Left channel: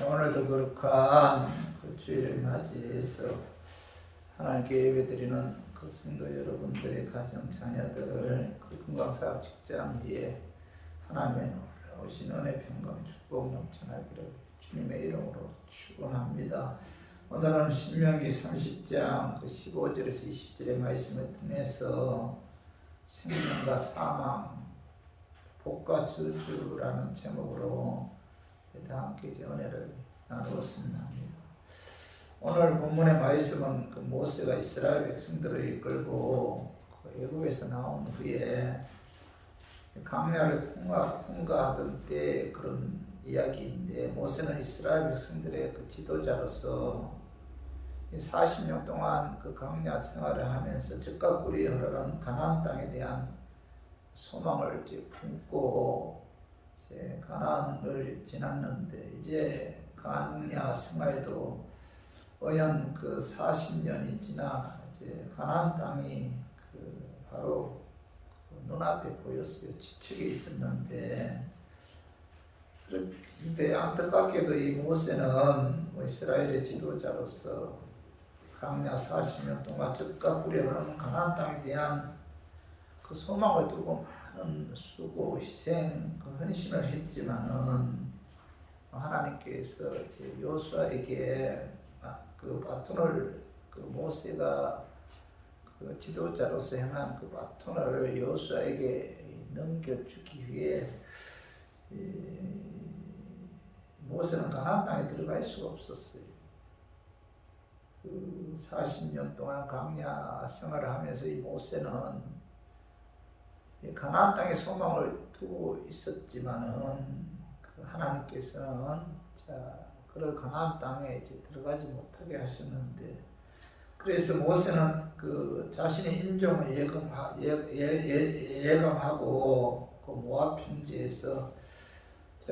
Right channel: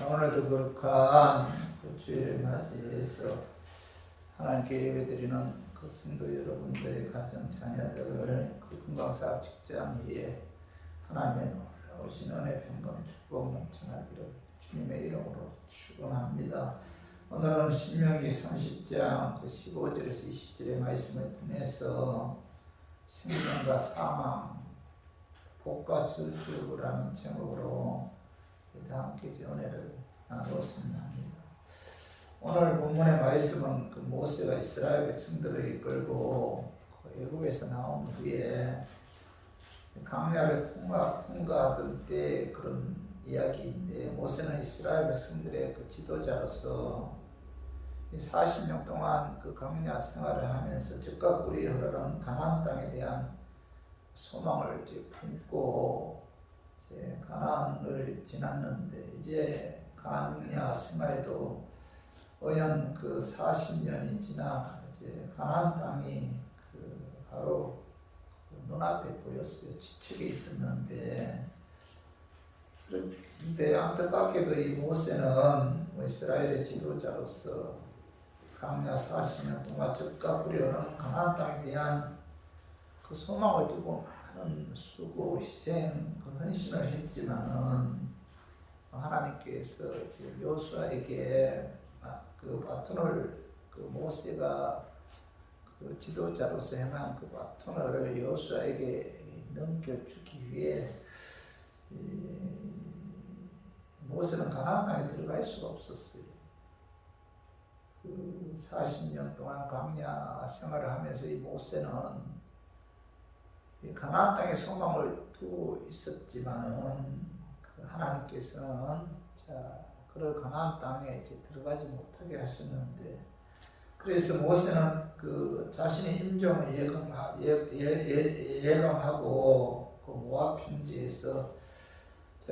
오늘도 거룩한 그 주일을 맞이해서 하나님께 예배드리는 그 성도 여러분들의 가정 자녀들 그 건강사업 직장 위에 하나님의 오신 은혜 평강 축복 넘쳐나기를 주님의 이름으로 축원합니다. 오늘은 신명기 30장 그 15절에서 20절의 말씀을 통해서 생명과 사망, 복과 저주라는 제목으로 함께 은혜를 나누었습니다. 오늘 본문의 말씀은 그 모세가 이스라엘 백성들을 이끌고 그 애굽에서 나온 후에 광야를 통과하던 때 그런 이야기인데, 모세는 이스라엘 백성들의 그 지도자로서 40년 동안 그 광야 생활을 하면서 젖과 꿀이 흐르는 가나안 땅에 대한 소망을 품고 가나안을 지났는데, 이제 광야 생활도 어연 그 40년이 지나 이제 가나안 땅이 그 바로 눈앞에 보였어요. 지척에 있었는데, 그런데 안타깝게도 이 모세는 이스라엘의 지도자로서 광야 40년 동안 젖과 꿀이 흐르는 가나안 땅에 대한 그 소망을 두고 많은 수고, 희생, 그 헌신을 했지만은 하나님께서 이제 여호수아에게 그 바톤을 그 모세가 그 지도자로서 행한 그 바톤을 여호수아에게 넘겨주기 위해 모세는 가나안 땅에 들어갈 수가 없었어요. 그 40년 동안 광야 생활을 하면서 이 모세는 가나안 땅에 소망을 두고 있었지만은 하나님께서는 그를 가나안 땅에 이제 들어가지 못하게 하셨는데, 그래서 모세는 그 자신의 임종을 예감하고 그 모압 평지에서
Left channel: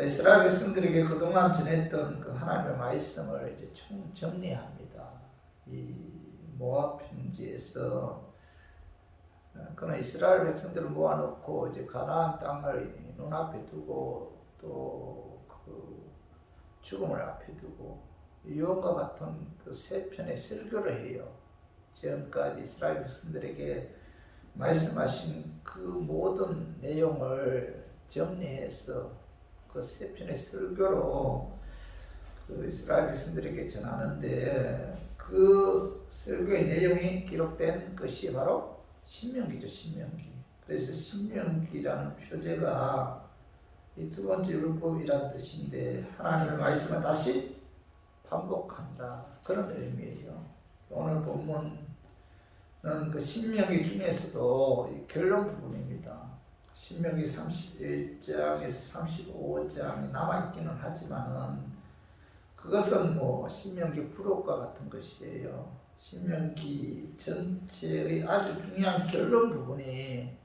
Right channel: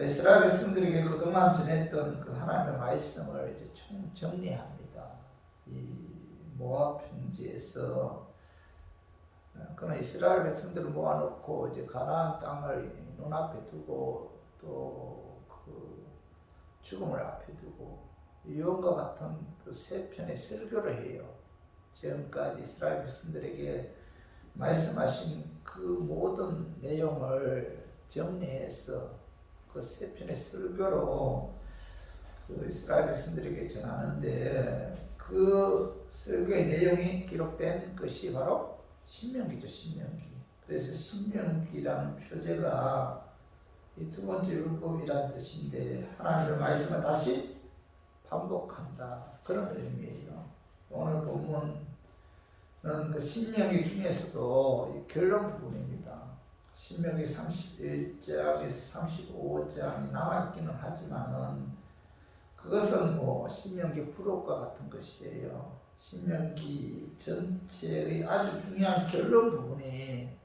이스라엘 백성들에게 그동안 전했던 그 하나님의 말씀을 이제 정리합니다. 이 모압 평지에서 그는 이스라엘 백성들을 모아놓고 이제 가나안 땅을 눈앞에 두고 또 그 죽음을 앞에 두고 유언과 같은 그 세 편의 설교를 해요. 지금까지 이스라엘 백성들에게 말씀하신 그 모든 내용을 정리해서 그 세 편의 설교로 그 이스라엘 백성들에게 전하는데, 그 설교의 내용이 기록된 것이 바로 신명기죠. 신명기. 그래서 신명기라는 표제가 이 두 번째 율법이라는 뜻인데, 하나님의 말씀을 다시 반복한다, 그런 의미예요. 오늘 본문은 그 신명기 중에서도 이 결론 부분입니다. 신명기 31장에서 35장이 남아있기는 하지만은 그것은 뭐 신명기 부록과 같은 것이에요. 신명기 전체의 아주 중요한 결론 부분이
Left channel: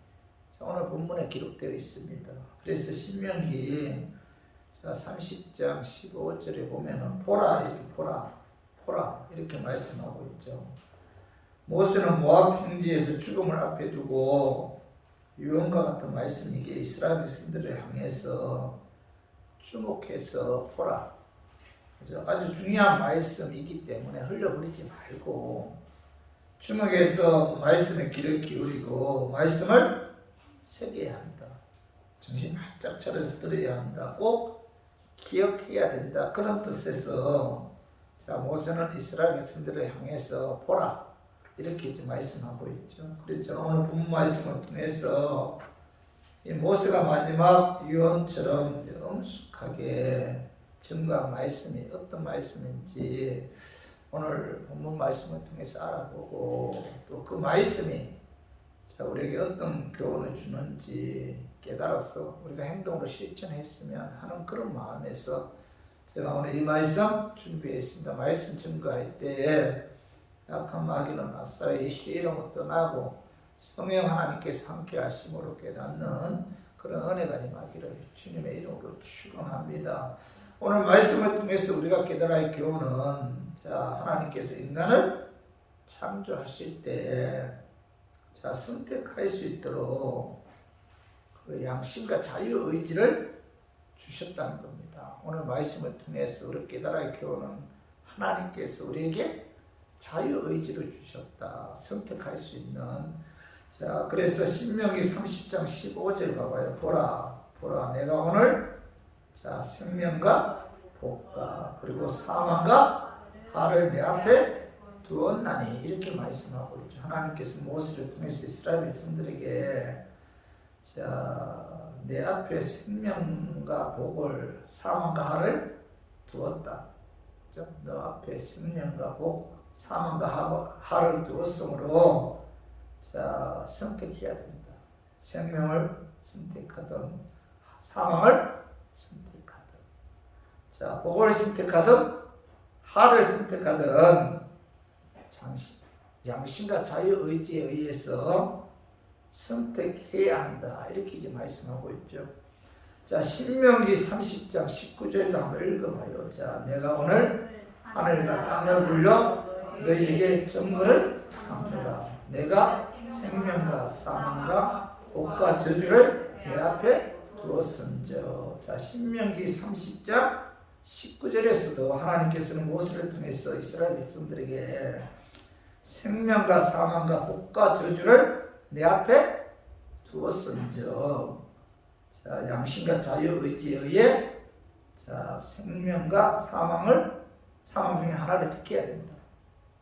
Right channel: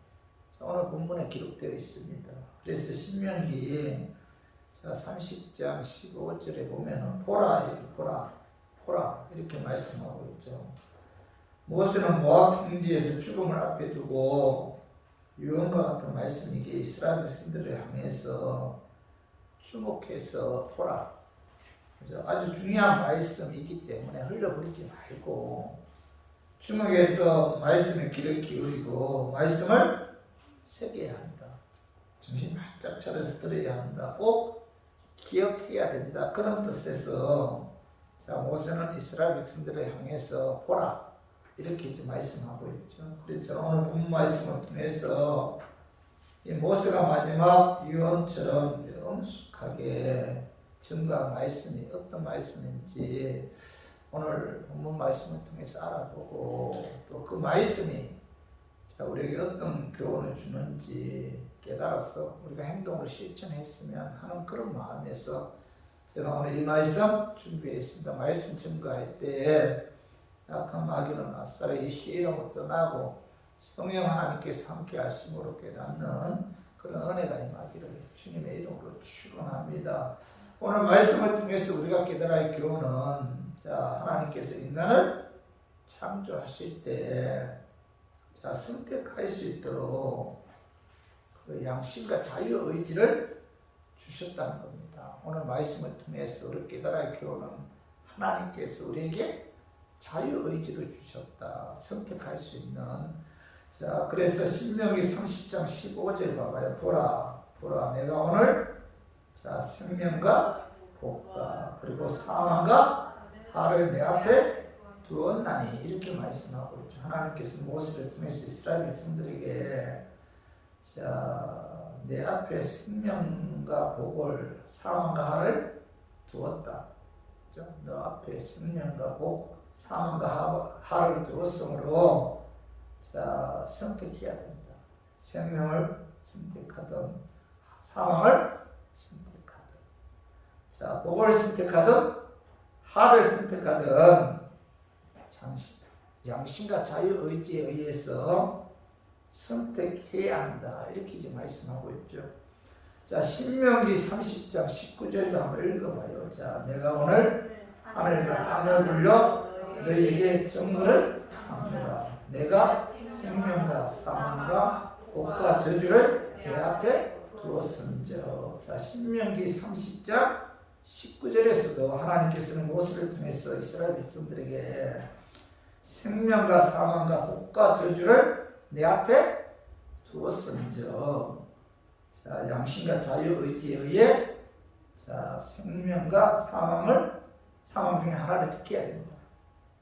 오늘 본문에 기록되어 있습니다. 그래서 신명기 30장 15절에 보면은 보라, 이렇게 보라 이렇게 말씀하고 있죠. 모세는 모압 평지에서 죽음을 앞에 두고 유언과 같은 말씀이기에 이스라엘 백성들을 향해서 주목해서 보라, 아주 중요한 말씀이기 때문에 흘려버리지 말고 주목해서 말씀에 귀를 기울이고 말씀을 새겨야 한다. 정신 바짝 차려서 들어야 한다. 꼭 기억해야 된다. 그런 뜻에서 모세는 이스라엘 백성들을 향해서 보라, 이렇게 이제 말씀하고 있죠. 그래서 오늘 본문 말씀을 통해서 이 모세가 마지막 유언처럼 엄숙하게 증거한 말씀이 어떤 말씀인지 오늘 본문 말씀을 통해서 알아보고, 또 그 말씀이 우리에게 어떤 교훈을 주는지 깨달아서 우리가 행동으로 실천했으면 하는 그런 마음에서 제가 오늘 이 말씀 준비했습니다. 말씀 증거할 때에 약한 마귀는 아싸리 예수의 이름으로 떠나고 성령 하나님께서 함께 하심으로 깨닫는 그런 은혜가 임하기를 주님의 이름으로 축원합니다. 오늘 말씀을 통해서 우리가 깨달아야 할 교훈은, 하나님께서 인간을 창조하실 때 선택할 수 있도록 그 양심과 자유의지를 주셨다는 겁니다. 오늘 말씀을 통해서 우리 깨달아 교훈은 하나님께서 우리에게 자유의지를 주셨다. 선택할 수 있는. 자, 그래서 신명기 30장 15절 봐봐요. 보라 내가 오늘 생명과 복과 그리고 사망과 하를 내 앞에 두었나니 이렇게 말씀하고 있죠. 하나님께서 모세를 통해서 이스라엘 백성들에게 내 앞에 생명과 복을 사망과 하를 두었다. 너 앞에 생명과 복, 사망과 하를 두었으므로 선택해야 된다. 생명을 선택하든 사망을 선택하든 복을 선택하든 하를 선택하든 양심과 자유의지에 의해서 선택해야 한다. 이렇게 이제 말씀하고 있죠. 신명기 30장 19절도 한번 읽어봐요. 내가 오늘 하늘과 땅을 굴려 너희에게 정거를 삼으라. 내가 생명과 사망과 복과 저주를 내 앞에 두었음저. 신명기 30장 19절에서도 하나님께서는 모세를 통해서 이스라엘 백성들에게 생명과 사망과 복과 저주를 내 앞에 두었음저. 양심과 자유의지에 의해 생명과 사망 중에 하나를 택해야 된다.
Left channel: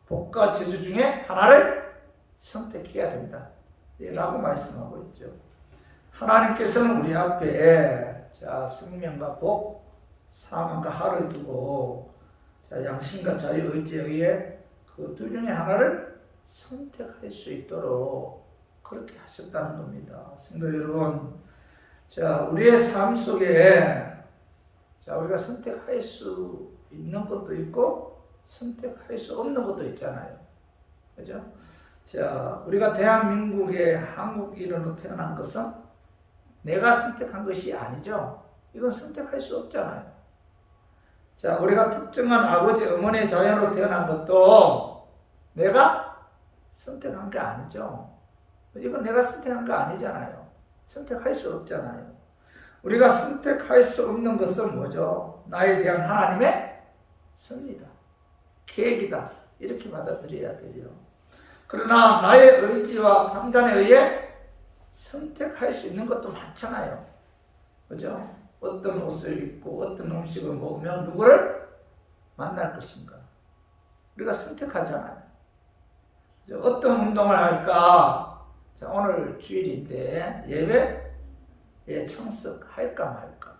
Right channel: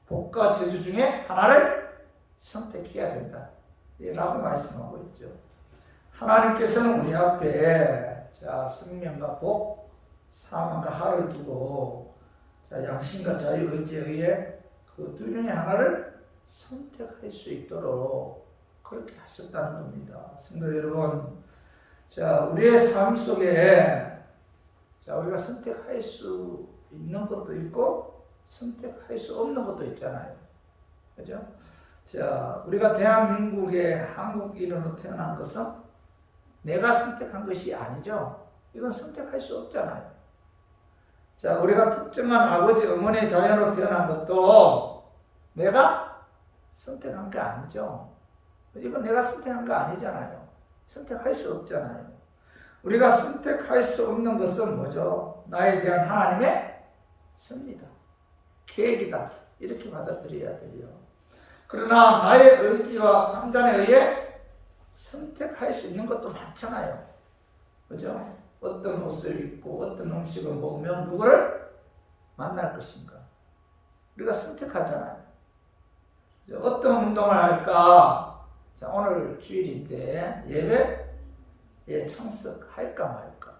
복과 저주 중에 하나를 선택해야 된다. 라고 말씀하고 있죠. 하나님께서는 우리 앞에 생명과 복, 사망과 하를 두고 양심과 자유의지에 의해 그 두 중에 하나를 선택할 수 있도록 그렇게 하셨다는 겁니다. 성도 여러분, 우리의 삶 속에 우리가 선택할 수 있는 것도 있고 선택할 수 없는 것도 있잖아요. 그죠? 우리가 대한민국의 한국인으로 태어난 것은 내가 선택한 것이 아니죠. 이건 선택할 수 없잖아요. 우리가 특정한 아버지, 어머니의 자녀로 태어난 것도 내가 선택한 게 아니죠. 이건 내가 선택한 거 아니잖아요. 선택할 수 없잖아요. 우리가 선택할 수 없는 것은 뭐죠? 나에 대한 하나님의 섭니다. 계획이다. 이렇게 받아들여야 돼요. 그러나 나의 의지와 판단에 의해 선택할 수 있는 것도 많잖아요. 그죠? 어떤 옷을 입고 어떤 음식을 먹으면 누구를 만날 것인가? 우리가 선택하잖아요. 어떤 운동을 할까? 오늘 주일인데 예배에 참석할까 말까?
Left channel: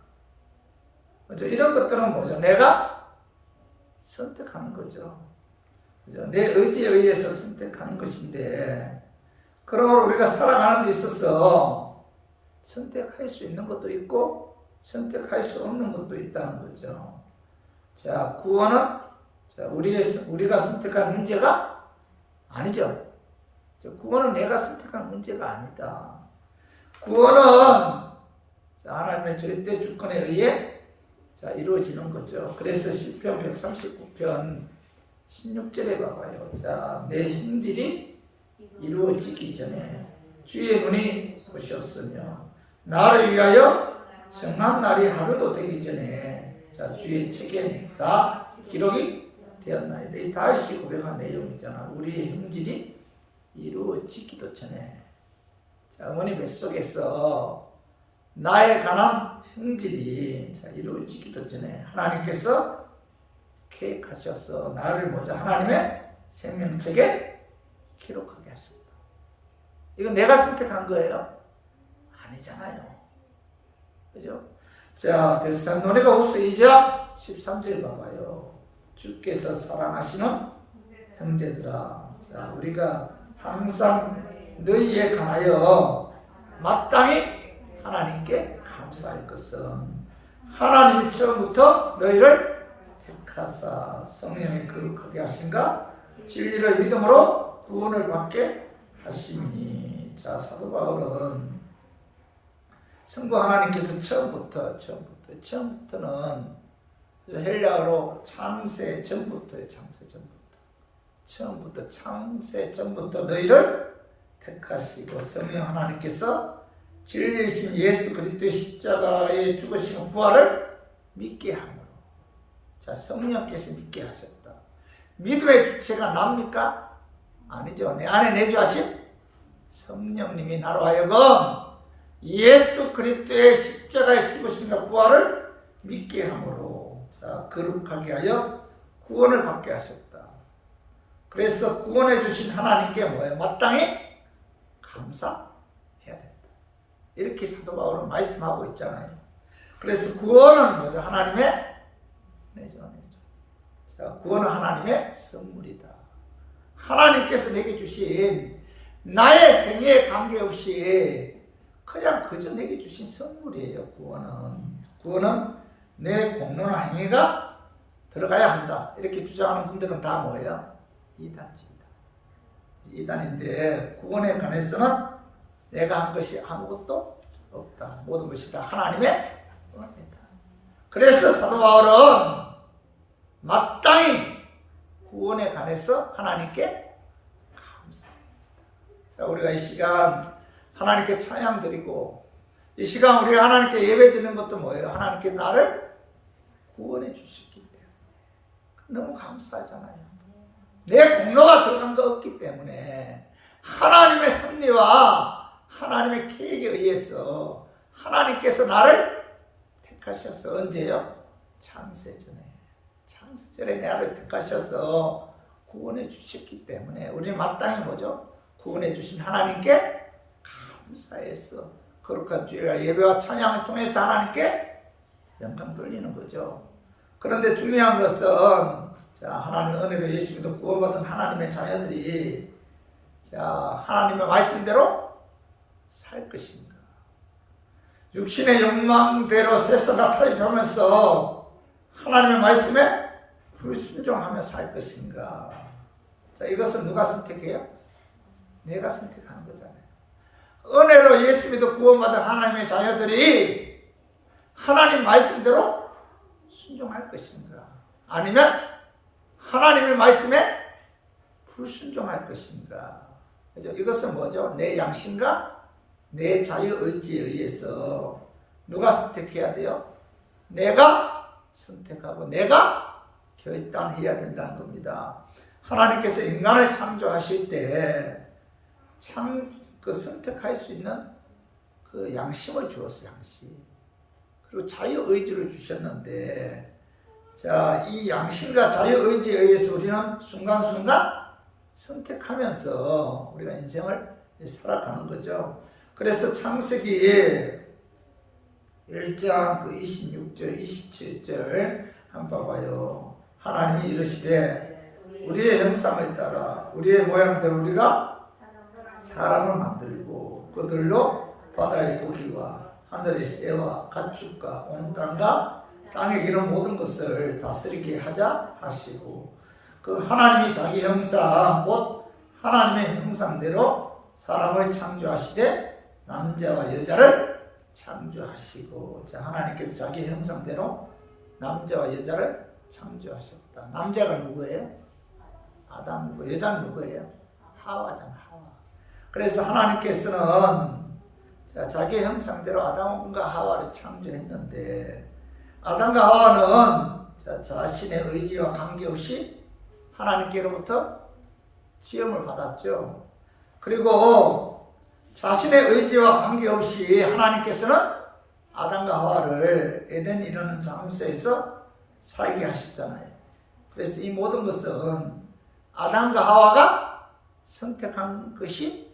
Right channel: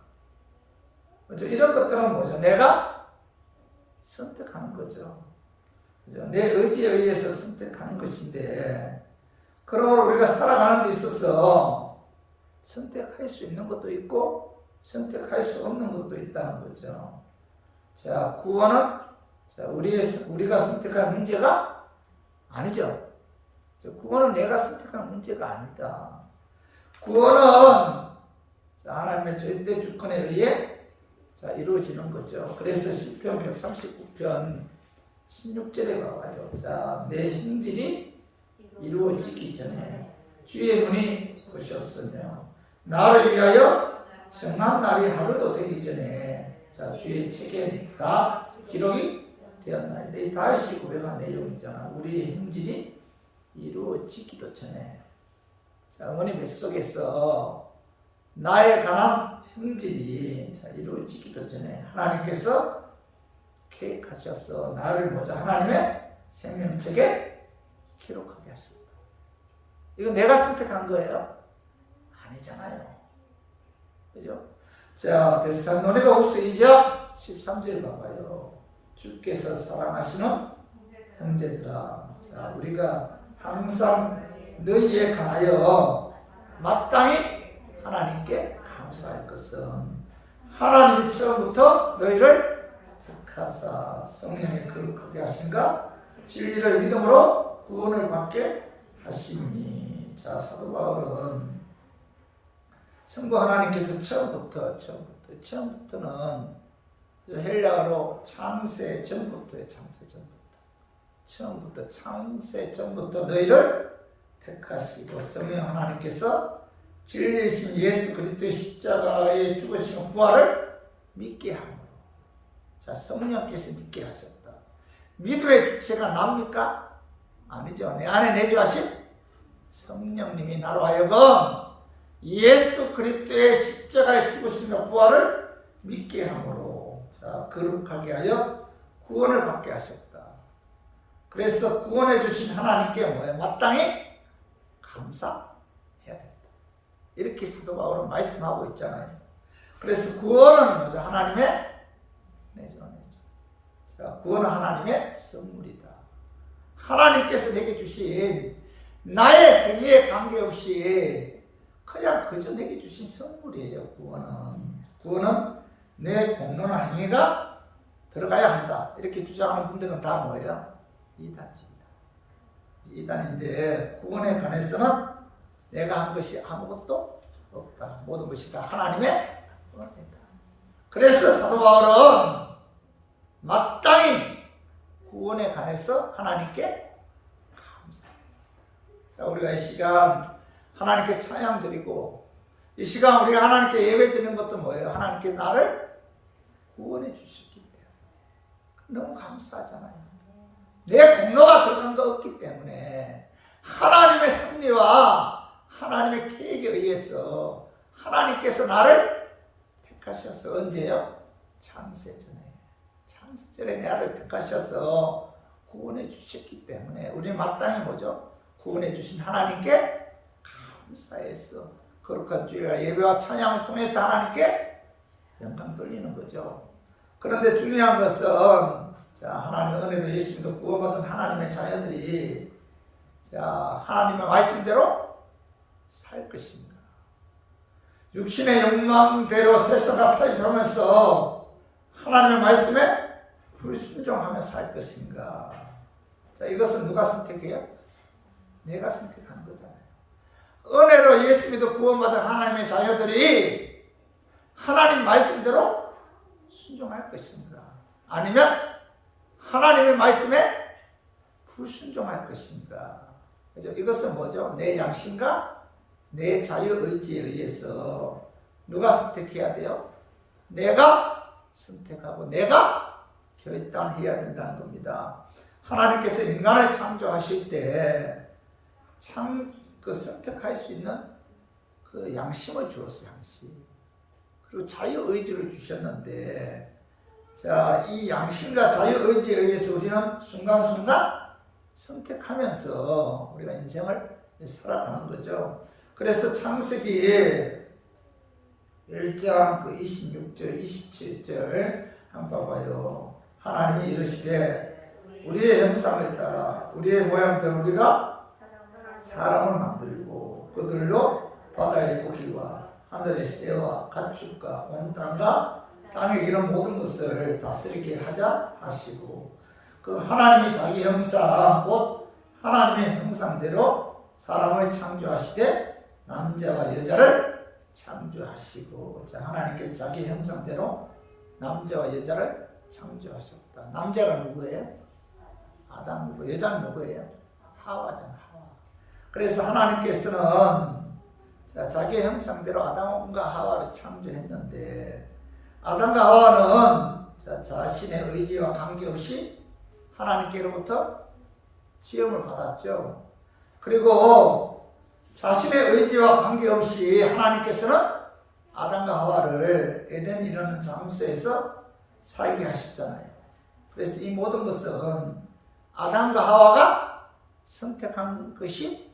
그죠? 이런 것들은 뭐죠? 내가 선택하는 거죠. 그죠? 내 의지에 의해서 선택하는 것인데, 그러므로 우리가 살아가는 데 있어서 선택할 수 있는 것도 있고 선택할 수 없는 것도 있다는 거죠. 구원은 우리가 선택할 문제가 아니죠. 구원은 내가 선택한 문제가 아니다. 구원은 하나님의 절대 주권에 의해 이루어지는 거죠. 그래서 시편 139편 16절에 봐봐요. 내 힘질이 이루어지기 전에 주의 눈이 보셨으며 나를 위하여 정한 날이 하루도 되기 전에 주의 책에 다 기록이 되었나이다. 이 다윗이 고백한 내용 있잖아. 우리의 힘질이 이루어지기도 전에. 어머니 뱃속에서 나에 관한 형질이 이루어지기도 전에 하나님께서 계획하셔서 나를 먼저 하나님의 생명책에 기록하게 하셨다. 이건 내가 선택한 거예요? 아니잖아요. 그죠? 데살로니가 후서 2장 13절 봐봐요. 주께서 사랑하시는 형제들아, 우리가 항상 너희에 관하여 마땅히 하나님께 감사할 것은 하나님이 처음부터 너희를 택하사 성령에 거룩하게 하신가 진리를 믿음으로 구원을 받게 하시니. 사도 바울은 성부 하나님께서 처음부터는 헬라어로 창세 전부터의 창세 전부터 너희를 택하시고 성령 하나님께서 진리이신 예수 그리스도의 십자가의 죽으신 부활을 믿게 함으로. 자, 성령께서 믿게 하셨다. 믿음의 주체가 납니까? 아니죠. 내 안에 내주하신 성령님이 나로 하여금 예수 그리스도의 십자가의 죽으심과 부활을 믿게 함으로, 자, 거룩하게 하여 구원을 받게 하셨다. 그래서 구원해 주신 하나님께 뭐예요? 마땅히 감사해야 된다. 이렇게 사도 바울은 말씀하고 있잖아요. 그래서 구원은 뭐죠? 하나님의 내죠. 자, 구원은 하나님의 선물이다. 하나님께서 내게 주신 나의 행위에 관계없이 그냥 그저 내게 주신 선물이에요. 구원은 내 공로나 행위가 들어가야 한다. 이렇게 주장하는 분들은 다 뭐예요? 이단입니다. 이단인데 구원에 관해서는 내가 한 것이 아무것도 없다. 모든 것이 다 하나님의 은혜다. 그래서 사도 바울은 마땅히 구원에 관해서 하나님께 감사합니다. 자, 우리가 이 시간 하나님께 찬양 드리고, 이 시간 우리가 하나님께 예배 드리는 것도 뭐예요? 하나님께 나를 구원해 주셨기 때문에 너무 감사하잖아요. 내 공로가 들어간 거 없기 때문에 하나님의 섭리와 하나님의 계획에 의해서 하나님께서 나를 택하셔서, 언제요? 창세전에 나를 택하셔서 구원해 주셨기 때문에 우리는 마땅히 뭐죠? 구원해 주신 하나님께 감사해서 거룩한 주일날 예배와 찬양을 통해서 하나님께 영광 돌리는 거죠. 그런데 중요한 것은, 자, 하나님의 은혜로 예수 믿어 구원받은 하나님의 자녀들이, 자, 하나님의 말씀대로 살 것인가? 육신의 욕망대로 세상과 타협하면서 하나님의 말씀에 불순종하며 살 것인가? 자, 이것은 누가 선택해요? 내가 선택하는 거잖아요. 은혜로 예수 믿어 구원받은 하나님의 자녀들이 하나님 말씀대로 순종할 것인가? 아니면 하나님의 말씀에 불순종할 것인가? 그죠? 이것은 뭐죠? 내 양심과 내 자유의지에 의해서 누가 선택해야 돼요? 내가 선택하고 내가 결단해야 된다는 겁니다. 하나님께서 인간을 창조하실 때 선택할 수 있는 그 양심을 주었어요. 양심. 그리고 자유의지를 주셨는데, 자, 이 양심과 자유의지에 의해서 우리는 순간순간 선택하면서 우리가 인생을 살아가는 거죠. 그래서 창세기 1장 26절, 27절 한번 봐봐요. 하나님이 이르시되 우리의 형상을 따라 우리의 모양대로 우리가 사람을 만들고 그들로 바다의 고기와 하늘의 새와 가축과 온 땅과 땅에 기는 모든 것을 다스리게 하자 하시고, 그 하나님이 자기 형상 곧 하나님의 형상대로 사람을 창조하시되 남자와 여자를 창조하시고, 자, 하나님께서 자기 형상대로 남자와 여자를 창조하셨다. 남자가 누구예요? 아담이고 여자는 누구예요? 하와잖아. 하와. 그래서 하나님께서는 자기 형상대로 아담과 하와를 창조했는데, 아담과 하와는 자신의 의지와 관계없이 하나님께로부터 지음을 받았죠. 그리고 자신의 의지와 관계없이 하나님께서는 아담과 하와를 에덴이라는 장소에서 살게 하셨잖아요. 그래서 이 모든 것은 아담과 하와가 선택한 것이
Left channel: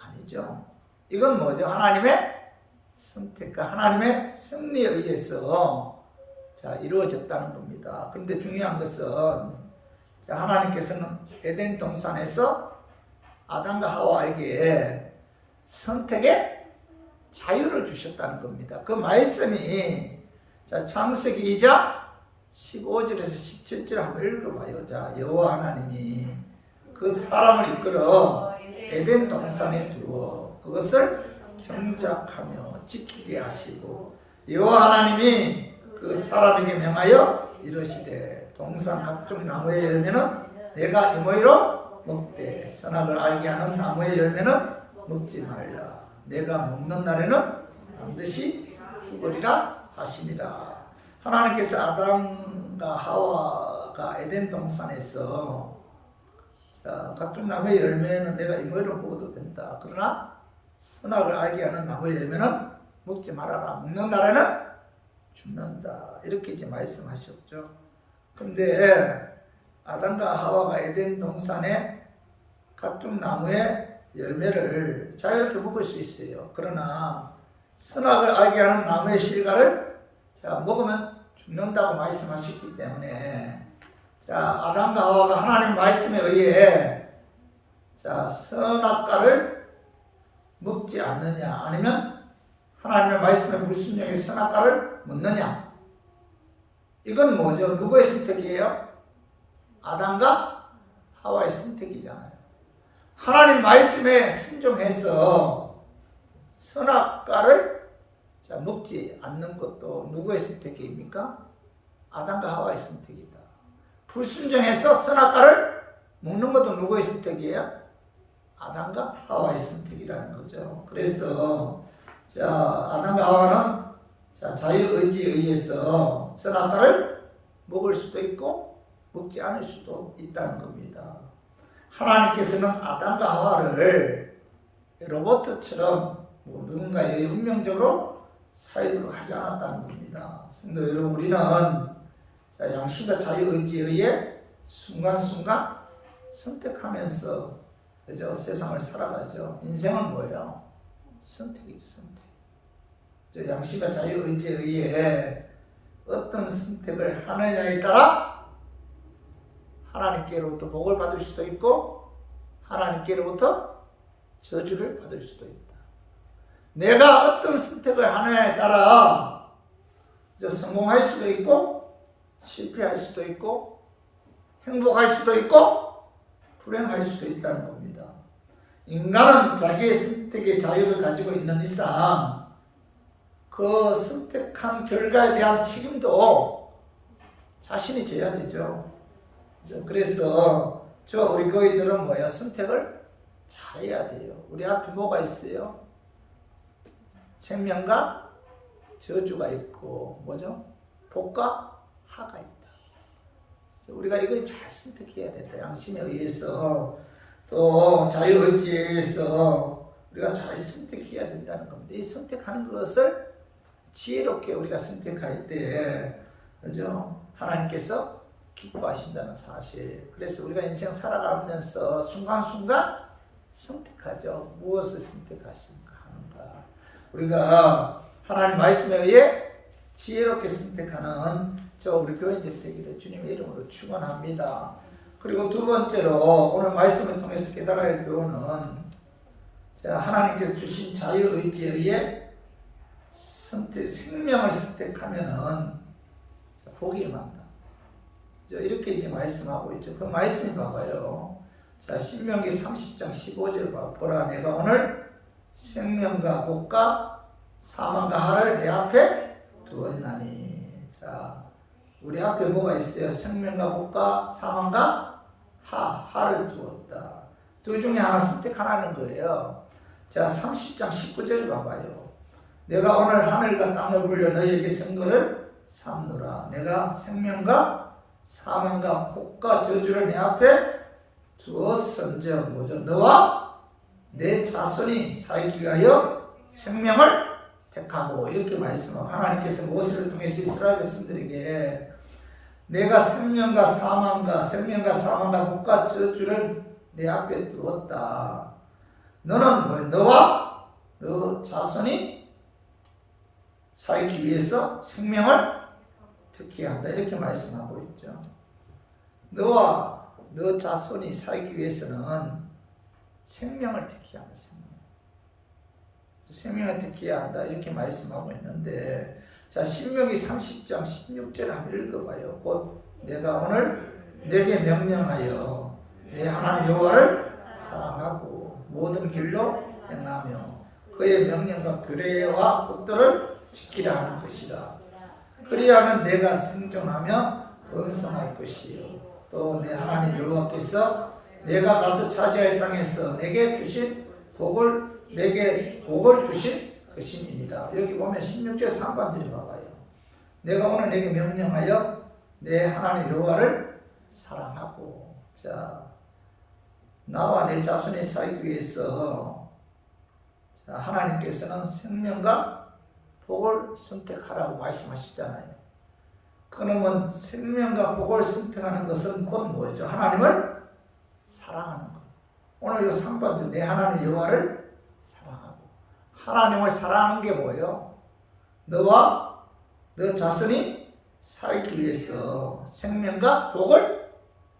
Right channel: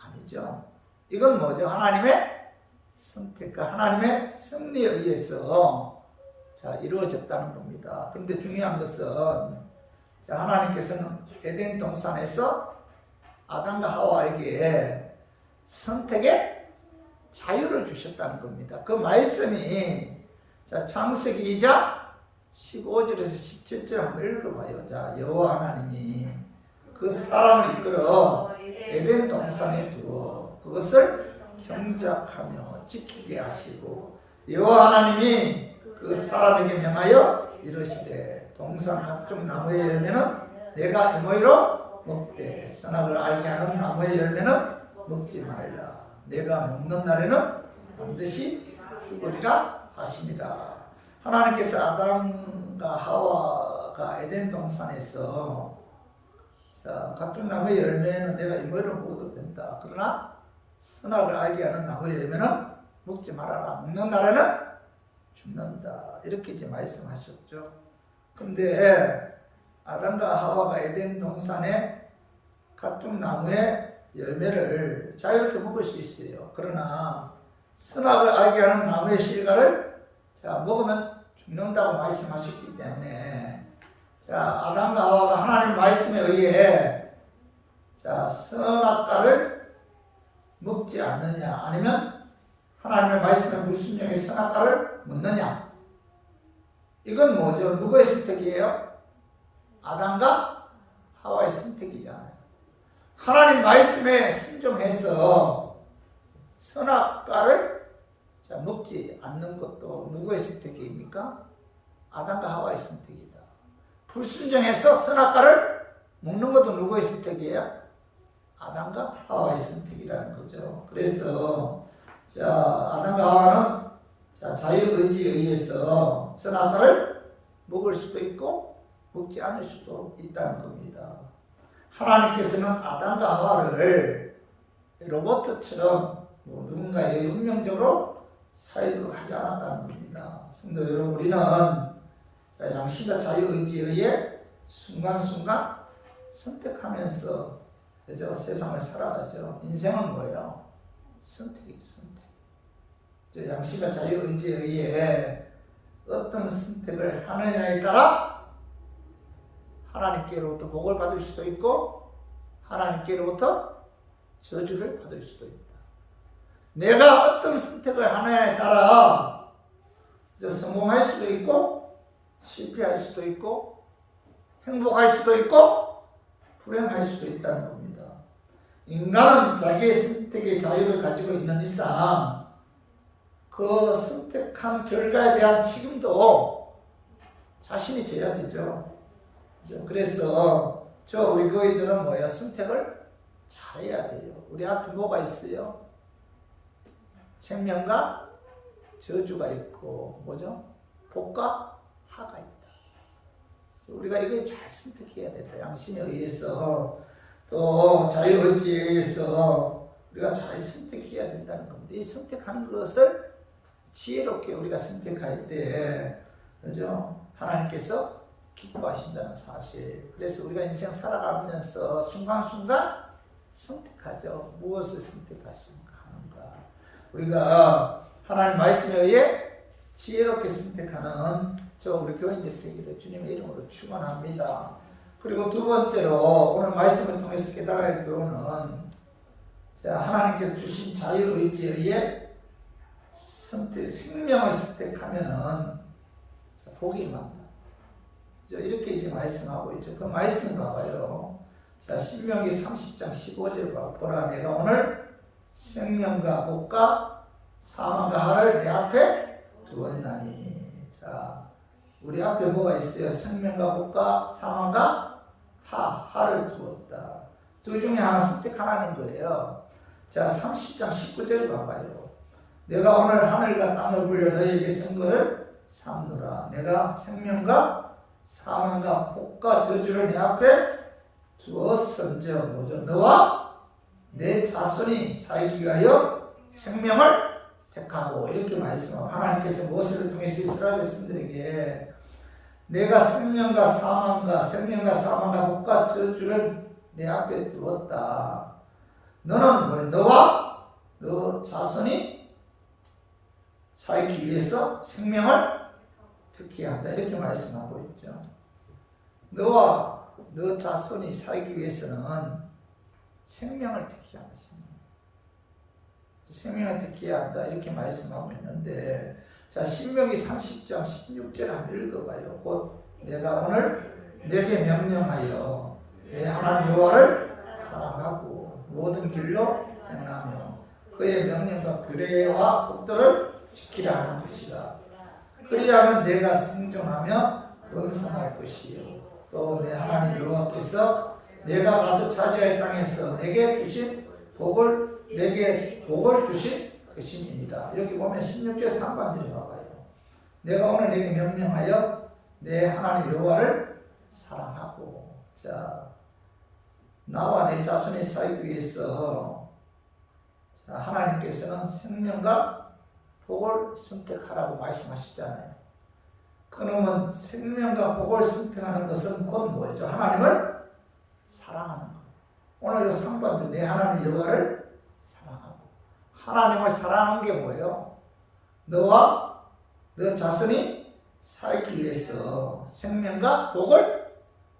아니죠. 이건 뭐죠? 하나님의 선택과 하나님의 섭리에 의해서 이루어졌다는 겁니다. 그런데 중요한 것은, 하나님께서는 에덴 동산에서 아담과 하와에게 선택의 자유를 주셨다는 겁니다. 그 말씀이 창세기 2장 15절에서 17절 한번 읽어봐요. 자, 여호와 하나님이 그 사람을 이끌어 에덴 동산에 두어 그것을 경작하며 지키게 하시고, 여호와 하나님이 그 사람에게 명하여 이르시되 동산 각종 나무의 열매는 내가 임의로 먹되 선악을 알게 하는 나무의 열매는 먹지 말라. 내가 먹는 날에는 반드시 죽으리라 하시니라. 하나님께서 아담과 하와가 에덴 동산에서 각종 나무의 열매는 내가 임의로 먹어도 된다. 그러나 선악을 알게 하는 나무의 열매는 먹지 말아라. 먹는 날에는 죽는다. 이렇게 이제 말씀하셨죠. 근데 아담과 하와가 에덴 동산에 각종 나무의 열매를 자유롭게 먹을 수 있어요. 그러나 선악을 알게 하는 나무의 실과를 먹으면 죽는다고 말씀하셨기 때문에 아담과 하와가 하나님 말씀에 의해 선악과를 먹지 않느냐, 아니면 하나님의 말씀에 불순종해 선악과를 먹느냐. 이건 뭐죠? 누구의 선택이에요? 아담과 하와의 선택이잖아요. 하나님 말씀에 순종해서 선악과를 먹지 않는 것도 누구의 선택입니까? 아담과 하와의 선택이다. 불순종해서 선악과를 먹는 것도 누구의 선택이에요? 아담과 하와의 선택이라는 거죠. 그래서 아담과 하와는 자유의지에 의해서 선악과를 먹을 수도 있고 먹지 않을 수도 있다는 겁니다. 하나님께서는 아담과 하와를 로봇처럼 누군가의 운명적으로 사유도록 하지 않았다는 겁니다. 성도 여러분, 우리는 양심과 자유의지에 의해 순간순간 선택하면서 그죠? 세상을 살아가죠. 인생은 뭐예요? 선택이죠, 선택. 양심과 자유의지에 의해 어떤 선택을 하느냐에 따라 하나님께로부터 복을 받을 수도 있고 하나님께로부터 저주를 받을 수도 있다. 내가 어떤 선택을 하느냐에 따라 성공할 수도 있고 실패할 수도 있고 행복할 수도 있고 불행할 수도 있다는 겁니다. 인간은 자기의 선택의 자유를 가지고 있는 이상 그 선택한 결과에 대한 책임도 자신이 져야 되죠. 그래서 우리 교인들은 뭐예요? 선택을 잘해야 돼요. 우리 앞에 뭐가 있어요? 생명과 저주가 있고 뭐죠? 복과 하가 있다. 우리가 이걸 잘 선택해야 된다. 양심에 의해서 또 자유의지에 의해서 우리가 잘 선택해야 된다는 겁니다. 이 선택하는 것을 지혜롭게 우리가 선택할 때 그죠? 하나님께서 기뻐하신다는 사실. 그래서 우리가 인생 살아가면서 순간순간 선택하죠. 무엇을 선택하시는가 하는가. 우리가 하나님 말씀에 의해 지혜롭게 선택하는 우리 교인들이 되기를 주님의 이름으로 축원합니다. 그리고 두 번째로 오늘 말씀을 통해서 깨달아야 할 교훈은 하나님께서 주신 자유의지에 의해 생명을 선택하면은 복이 임한다. 이렇게 이제 말씀하고 있죠. 그 말씀 봐봐요. 신명기 30장 15절 봐. 보라, 내가 오늘 생명과 복과 사망과 하를 내 앞에 두었나니. 우리 앞에 뭐가 있어요? 생명과 복과 사망과 하를 두었다. 두 중에 하나 선택하라는 거예요. 30장 19절 봐봐요. 내가 오늘 하늘과 땅을 불려 너희에게 선거를 삼노라. 내가 생명과 사망과 복과 저주를 내 앞에 두었은즉 뭐죠? 너와 내 자손이 살기 위하여 생명을 택하고. 이렇게 말씀하고 하나님께서 모세를 통해서 이스라엘 백성들에게 내가 생명과 사망과 복과 저주를 내 앞에 두었다. 너는 뭐예요? 너와 너 자손이 살기 위해서 생명을 택해야 한다. 이렇게 말씀하고 있죠. 너와 너 자손이 살기 위해서는 생명을 택해야 한다. 생명을 택해야 한다. 이렇게 말씀하고 있는데, 신명기 30장 16절 한번 읽어봐요. 곧 내가 오늘 내게 명령하여 내 하나님 여호와를 사랑하고 모든 길로 행하며 그의 명령과 규례와 법도를 지키라 하는 것이라. 그리하면 내가 생존하며 번성할 것이요 또 내 하나님 여호와께서 내가 가서 차지할 땅에서 내게 주신 복을 내게 복을 주신 그 신이니라. 여기 보면 16절 상반절에 봐봐요. 내가 오늘 내게 명령하여 내 하나님 여호와를 사랑하고. 자, 나와 내 자손이 살기 위해서 자, 하나님께서는 생명과 복을 선택하라고 말씀하셨잖아요. 그러면 생명과 복을 선택하는 것은 곧 뭐죠? 하나님을 사랑하는 것. 오늘 이 상반절 내 하나님 여호와를 사랑하고. 하나님을 사랑하는 게 뭐예요? 너와 너 자손이 살기 위해서 생명과 복을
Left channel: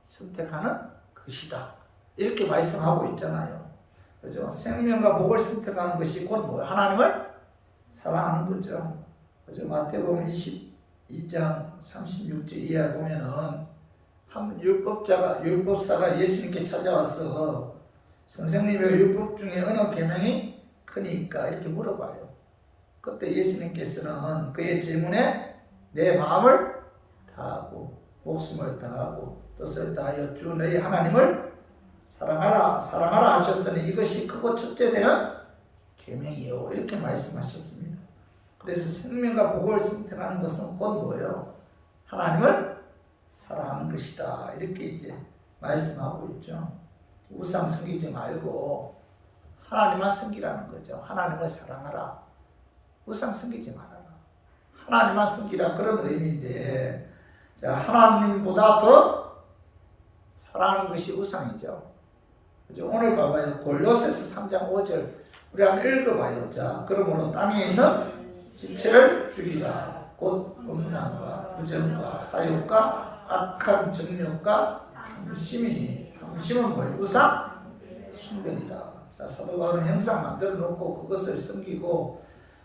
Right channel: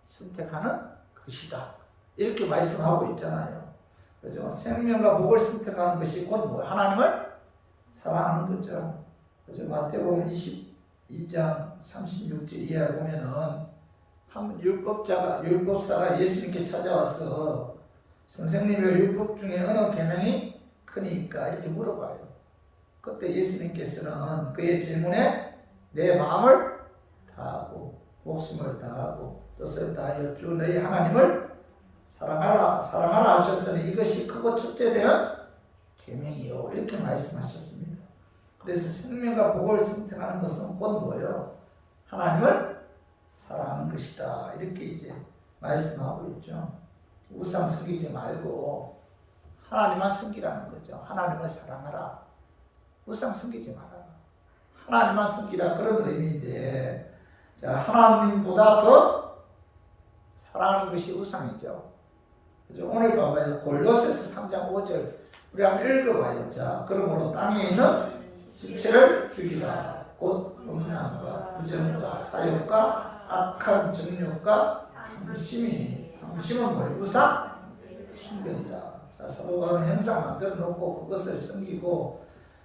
선택하는 것이다. 이렇게 말씀하고 있잖아요. 그죠? 생명과 복을 선택하는 것이 곧 뭐예요? 하나님을 사랑하는 거죠. 그죠? 마태복음 22장 36절 이하에 보면은 한 율법사가 예수님께 찾아와서 선생님의 율법 중에 어느 계명이 크니까 이렇게 물어봐요. 그때 예수님께서는 그의 질문에 내 마음을 다하고 목숨을 다하고 뜻을 다하여 주 너희 하나님을 사랑하라 하셨으니 이것이 크고 첫째 되는 계명이요. 이렇게 말씀하셨습니다. 그래서 생명과 복을 선택하는 것은 곧 뭐예요? 하나님을 사랑하는 것이다. 이렇게 이제 말씀하고 있죠. 우상 섬기지 말고 하나님만 섬기라는 거죠. 하나님을 사랑하라. 우상 섬기지 말아라. 하나님만 섬기라. 그런 의미인데, 자, 하나님보다 더 사랑하는 것이 우상이죠. 그죠? 오늘 봐봐요. 골로새서 3장 5절. 우리 한번 읽어봐요. 자, 그러므로 땅에 있는 지체를 죽이라. 곧 음란과 부정과 사욕과 악한 정욕과 탐심이니. 탐심은 뭐예요? 우상 숭배이다. 자, 사도 바울은 형상 만들어 놓고 그것을 섬기고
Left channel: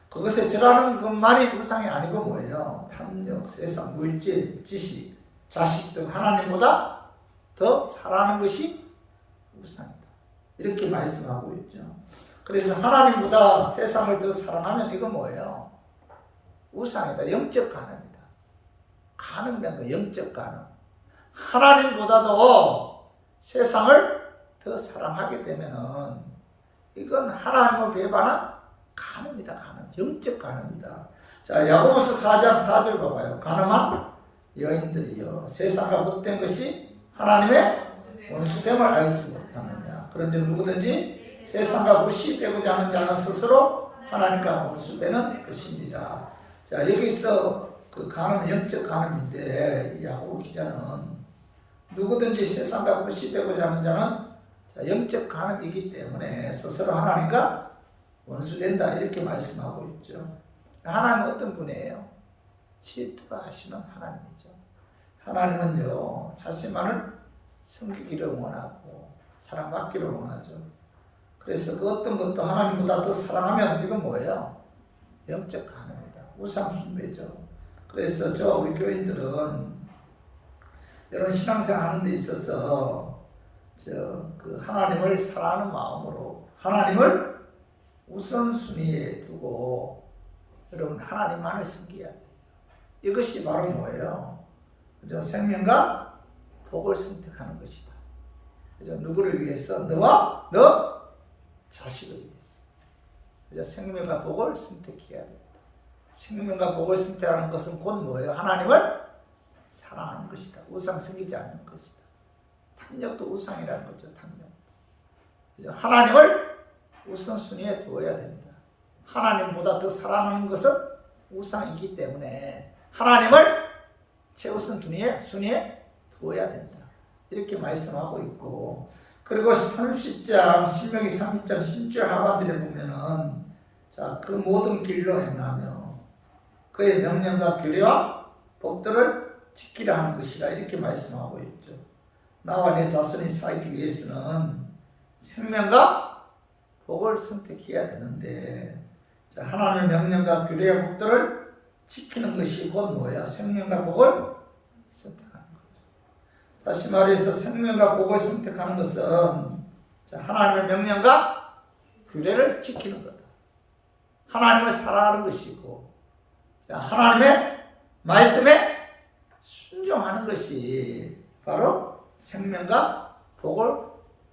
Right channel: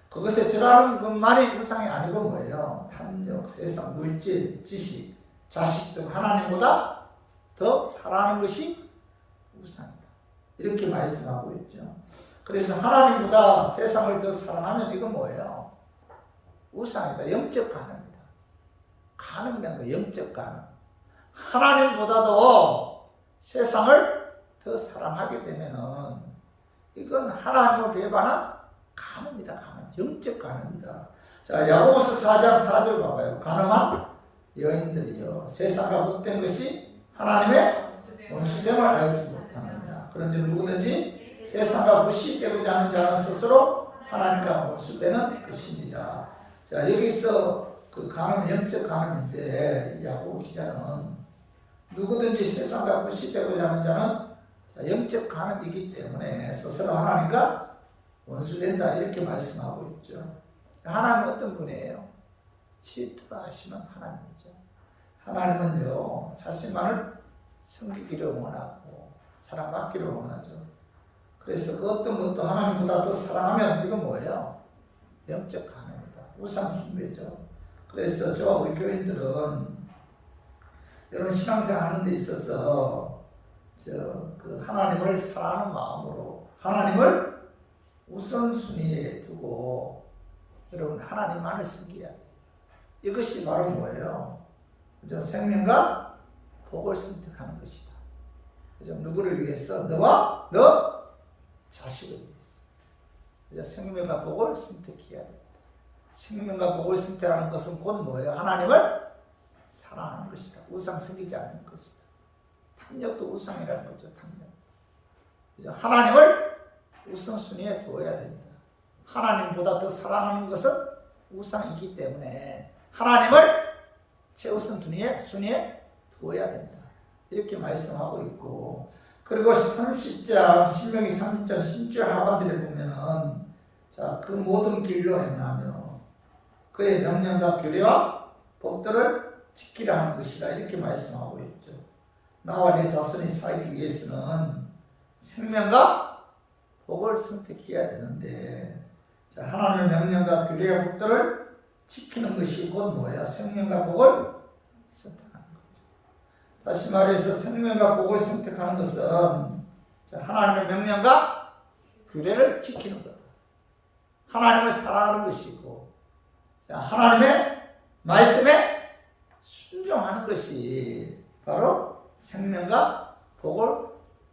그것에 절하는 것만이 우상이 아니고 뭐예요? 탐욕, 세상, 물질, 지식, 자식 등 하나님보다 더 사랑하는 것이 우상이다. 이렇게 말씀하고 있죠. 그래서 하나님보다 세상을 더 사랑하면 이건 뭐예요? 우상이다. 영적 간음이다. 간음이란 거 영적 간음. 하나님보다도 세상을 더 사랑하게 되면은 이건 하나님을 배반한 간음이다. 간음. 영적 간음이다. 자, 야고보서 4장 4절 봐봐요. 간음한 여인들이여 세상과 헛된 것이 하나님의 원수됨을 알지 못하느냐. 그런즉 누구든지 세상과 무시되고자 하는 자는 스스로 하나님과 원수되는 것입니다. 자, 여기서 그 간음은 영적 간음인데 야고보 기자는 누구든지 세상과 무시되고자 하는 자는 영적 간음이기 때문에 스스로 하나님과 원수된다. 이렇게 말씀하고 있죠. 하나님은 어떤 분이에요? 질투하시는 하나님이죠. 하나님은요, 자신만을 섬기기를 원하고 사랑받기를 원하죠. 그래서 그 어떤 것도 하나님보다 더 사랑하면 이건 뭐예요? 영적 간음이다. 우상숭배죠. 그래서 우리 교인들은 이런 신앙생활 하는 데 있어서 그 하나님을 사랑하는 마음으로 하나님을 우선순위에 두고 여러분 하나님만을 섬겨야 돼요. 이것이 바로 뭐예요? 그죠? 생명과 복을 선택하는 것이다. 그죠? 누구를 위해서? 너와 너 자식을 위해서. 그죠? 생명과 복을 선택해야 됩니다. 생명과 복을 선택하는 것은 곧 뭐예요? 하나님을 사랑하는 것이다. 우상 섬기지 않는 것이다. 탐욕도 우상이라는 거죠. 탐욕. 그죠? 하나님을 우선순위에 두어야 된다. 하나님보다 더 사랑하는 것은 우상이기 때문에 하나님을 최우선 순위에 두어야 된다. 이렇게 말씀하고 있고, 그리고 30장 신명기 30장 10절 하반절에 보면은 자, 그 모든 길로 행하며 그의 명령과 규례와 법들을 지키라 하는 것이라 이렇게 말씀하고 있죠. 나와 내 자손이 살기 위해서는 생명과 복을 선택해야 되는데, 자, 하나님의 명령과 규례와 법들을 지키는 것이 곧 뭐예요? 생명과 복을 선택하는 거죠. 다시 말해서 생명과 복을 선택하는 것은 자, 하나님의 명령과 규례를 지키는 거다. 하나님을 사랑하는 것이고, 자, 하나님의 말씀에 순종하는 것이 바로 생명과 복을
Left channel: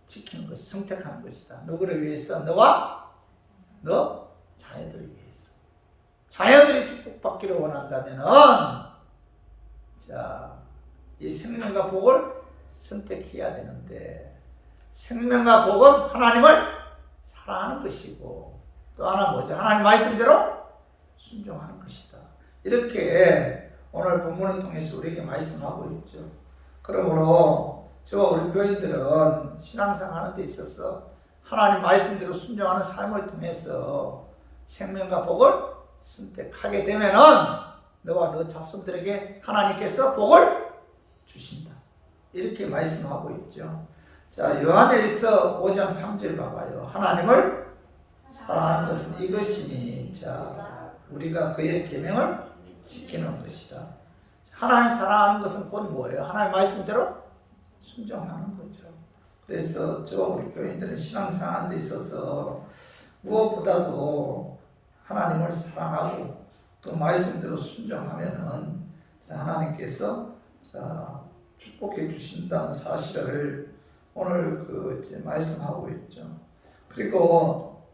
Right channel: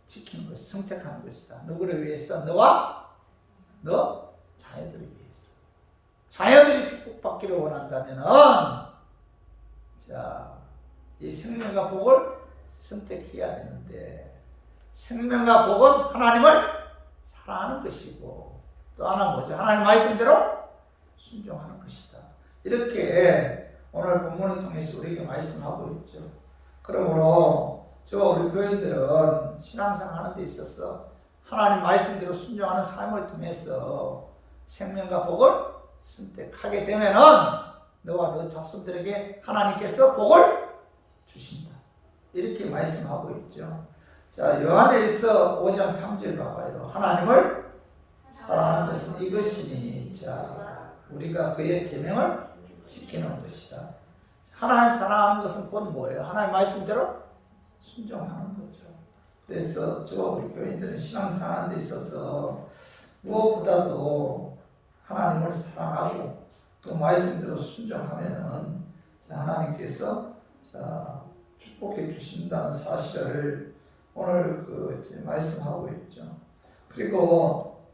지키는 것이 선택하는 것이다. 누구를 위해서? 너와 너 자녀들을 위해서. 자녀들이 축복받기를 원한다면은 자, 이 생명과 복을 선택해야 되는데 생명과 복은 하나님을 사랑하는 것이고 또 하나 뭐죠? 하나님 말씀대로 순종하는 것이다. 이렇게 오늘 본문을 통해서 우리에게 말씀하고 있죠. 그러므로 저와 우리 교인들은 신앙생활 하는 데 있어서 하나님 말씀대로 순종하는 삶을 통해서 생명과 복을 선택하게 되면은 너와 너 자손들에게 하나님께서 복을 주신다. 이렇게 말씀하고 있죠. 자, 요한일서 5장 3절 봐봐요. 하나님을 사랑하는 것은 이것이니, 자, 우리가 그의 계명을 지키는 것이다. 하나님 사랑하는 것은 곧 뭐예요? 하나님 말씀대로 순종하는 거죠. 그래서 저와 우리 교인들은 신앙생활 데 있어서 무엇보다도 하나님을 사랑하고 그 말씀대로 순종하면은 하나님께서 축복해 주신다는 사실을 오늘 이제 말씀하고 있죠. 그리고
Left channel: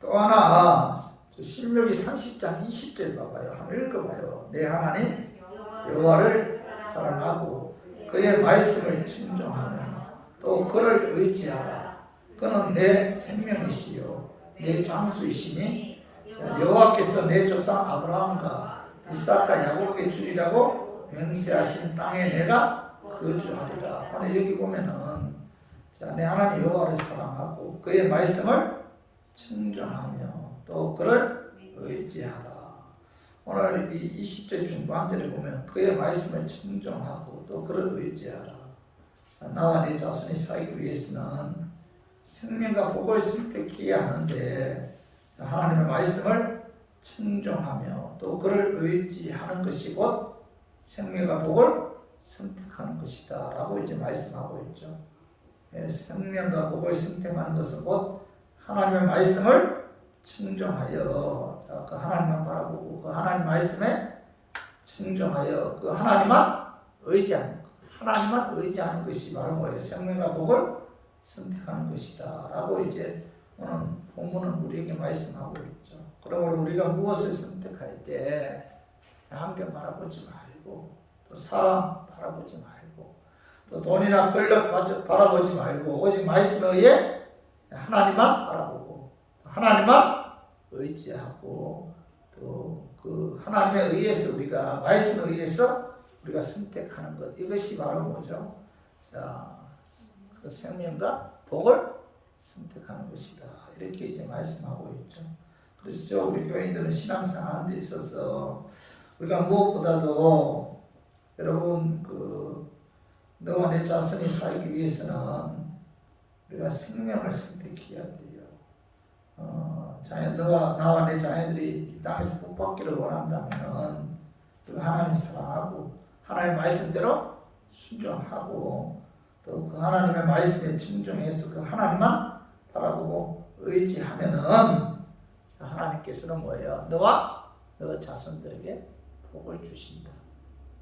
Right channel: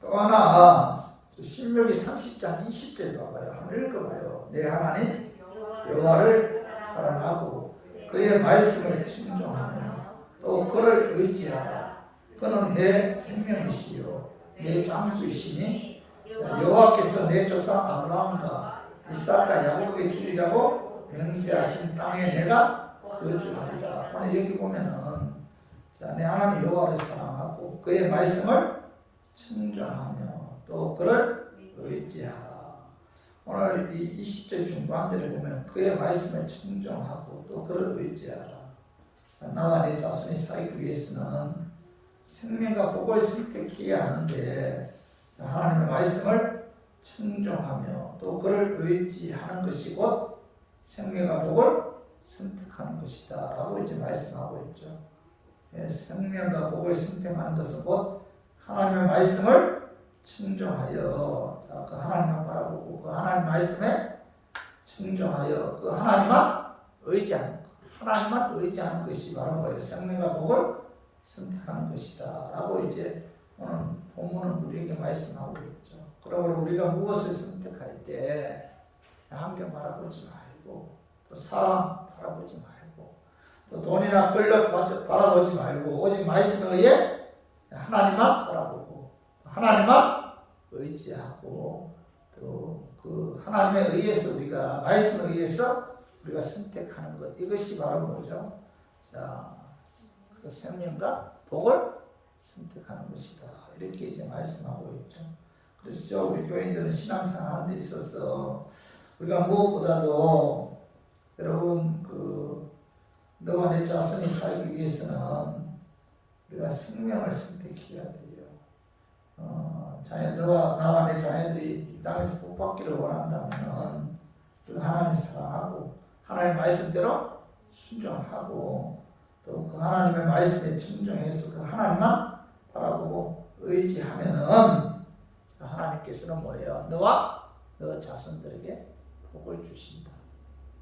또 하나 신명기 30장 20절 봐봐요. 한번 읽어봐요. 내 하나님 여호와를 사랑하고 그의 말씀을 순종하며 또 그를 의지하라. 그는 내 생명이시요 내 장수이시니 여호와께서 내 조상 아브라함과 이삭과 야곱에게 주리라고 맹세하신 땅에 내가 거주하리라. 오늘 여기 보면은 내 하나님 여호와를 사랑하고 그의 말씀을 순종하며 또 그를 의지하라. 오늘 이 20절 중반절에 보면 그의 말씀을 순종하고 또 그를 의지하라. 나와 내 자손이 살기 위해서는 생명과 복을 선택해야 하는데 하나님의 말씀을 순종하며 또 그를 의지하는 것이 곧 생명과 복을 선택하는 것이다 라고 이제 말씀하고 있죠. 생명과 복을 선택하는 것은 곧 하나님의 말씀을 순종하여 그 하나님만 바라보고 그 하나님 말씀에 순종하여 그 하나님만 의지하는 것, 하나님만 의지하는 것이 바로 뭐예요? 생명과 복을 선택하는 것이다 라고 이제 오늘 본문은 우리에게 말씀하고 있죠. 그러므로 우리가 무엇을 선택할 때 환경 바라보지 말고 또 사람 바라보지 말고 또 돈이나 권력 바라보지 말고 오직 말씀에 의해 하나님만 바라보고 하나님만 의지하고 또 그 하나님에 의해서 우리가 말씀에 의해서 우리가 선택하는 것, 이것이 바로 뭐죠? 자, 그 생명과 복을 선택하는 것이다. 이렇게 이제 말씀하고 있죠. 그래서 우리 교인들은 신앙생활 하는 데 있어서 우리가 무엇보다도 여러분 너와 내 자손이 살기 위해서는 우리가 생명을 선택해야 돼요. 나와 내 자녀들이 이 땅에서 복받기를 원한다면 하나님 사랑하고 하나님 말씀대로 순종하고 또 그 하나님의 말씀에 순종해서 그 하나님만 바라보고 의지하면은 하나님께서는 뭐예요? 너와 너 자손들에게 복을 주신다.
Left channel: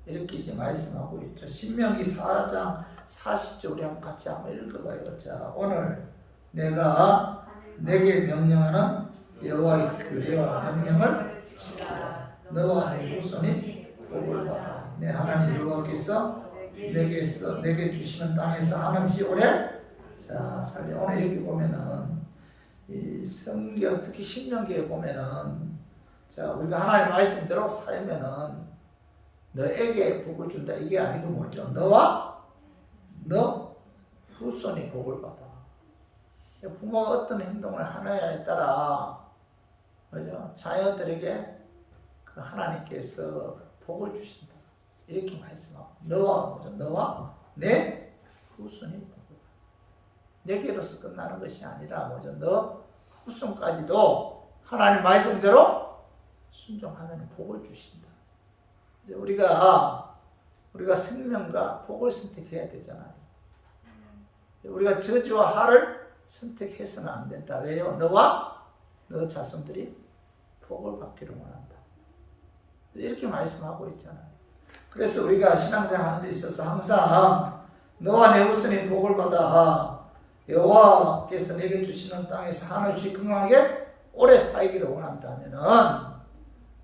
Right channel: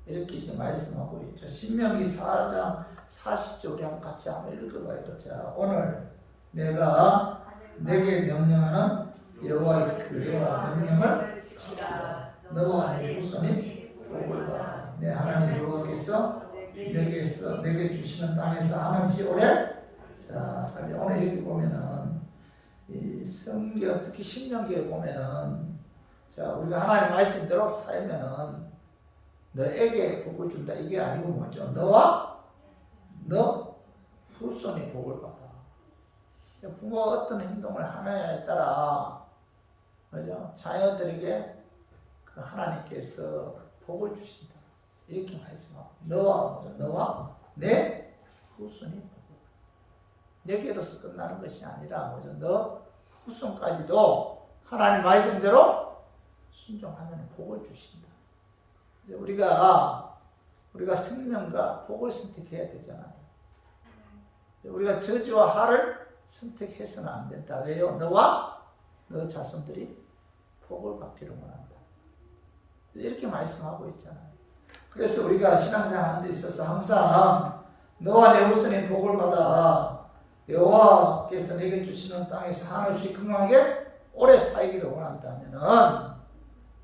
이렇게 이제 말씀하고 있죠. 신명기 4장 40절 우리 한번 같이 한번 읽어봐요. 자, 오늘 내가 내게 명령하는 여호와의 규례와 명령을 지키라. 너와 네 후손이 복을 받아. 내 하나님 여호와께서 내게 주시는 땅에서 한없이 오래 살리. 오늘 여기 보면은 이 성경 특히 신명기에 보면은 우리가 하나님 말씀대로 살면은 너에게 복을 준다. 이게 아니고 뭐죠? 너와 너 후손이 복을 받아. 부모가 어떤 행동을 하느냐에 따라 그죠? 자녀들에게 그 하나님께서 복을 주신다. 이렇게 말씀하고 너와 내 후손이 복을 받아. 내게로서 끝나는 것이 아니라 뭐죠? 너 후손까지도 하나님 말씀대로 순종하면 복을 주신다. 이제 우리가 생명과 복을 선택해야 되잖아요. 우리가 저주와 하를 선택해서는 안 된다. 왜요? 너와 너 자손들이 복을 받기를 원한다. 이렇게 말씀하고 있잖아요. 그래서 우리가 신앙생활 하는 데 있어서 항상 너와 내 후손이 복을 받아 여호와께서 내게 주시는 땅에서 한없이 건강하게 오래 살기를 원한다면은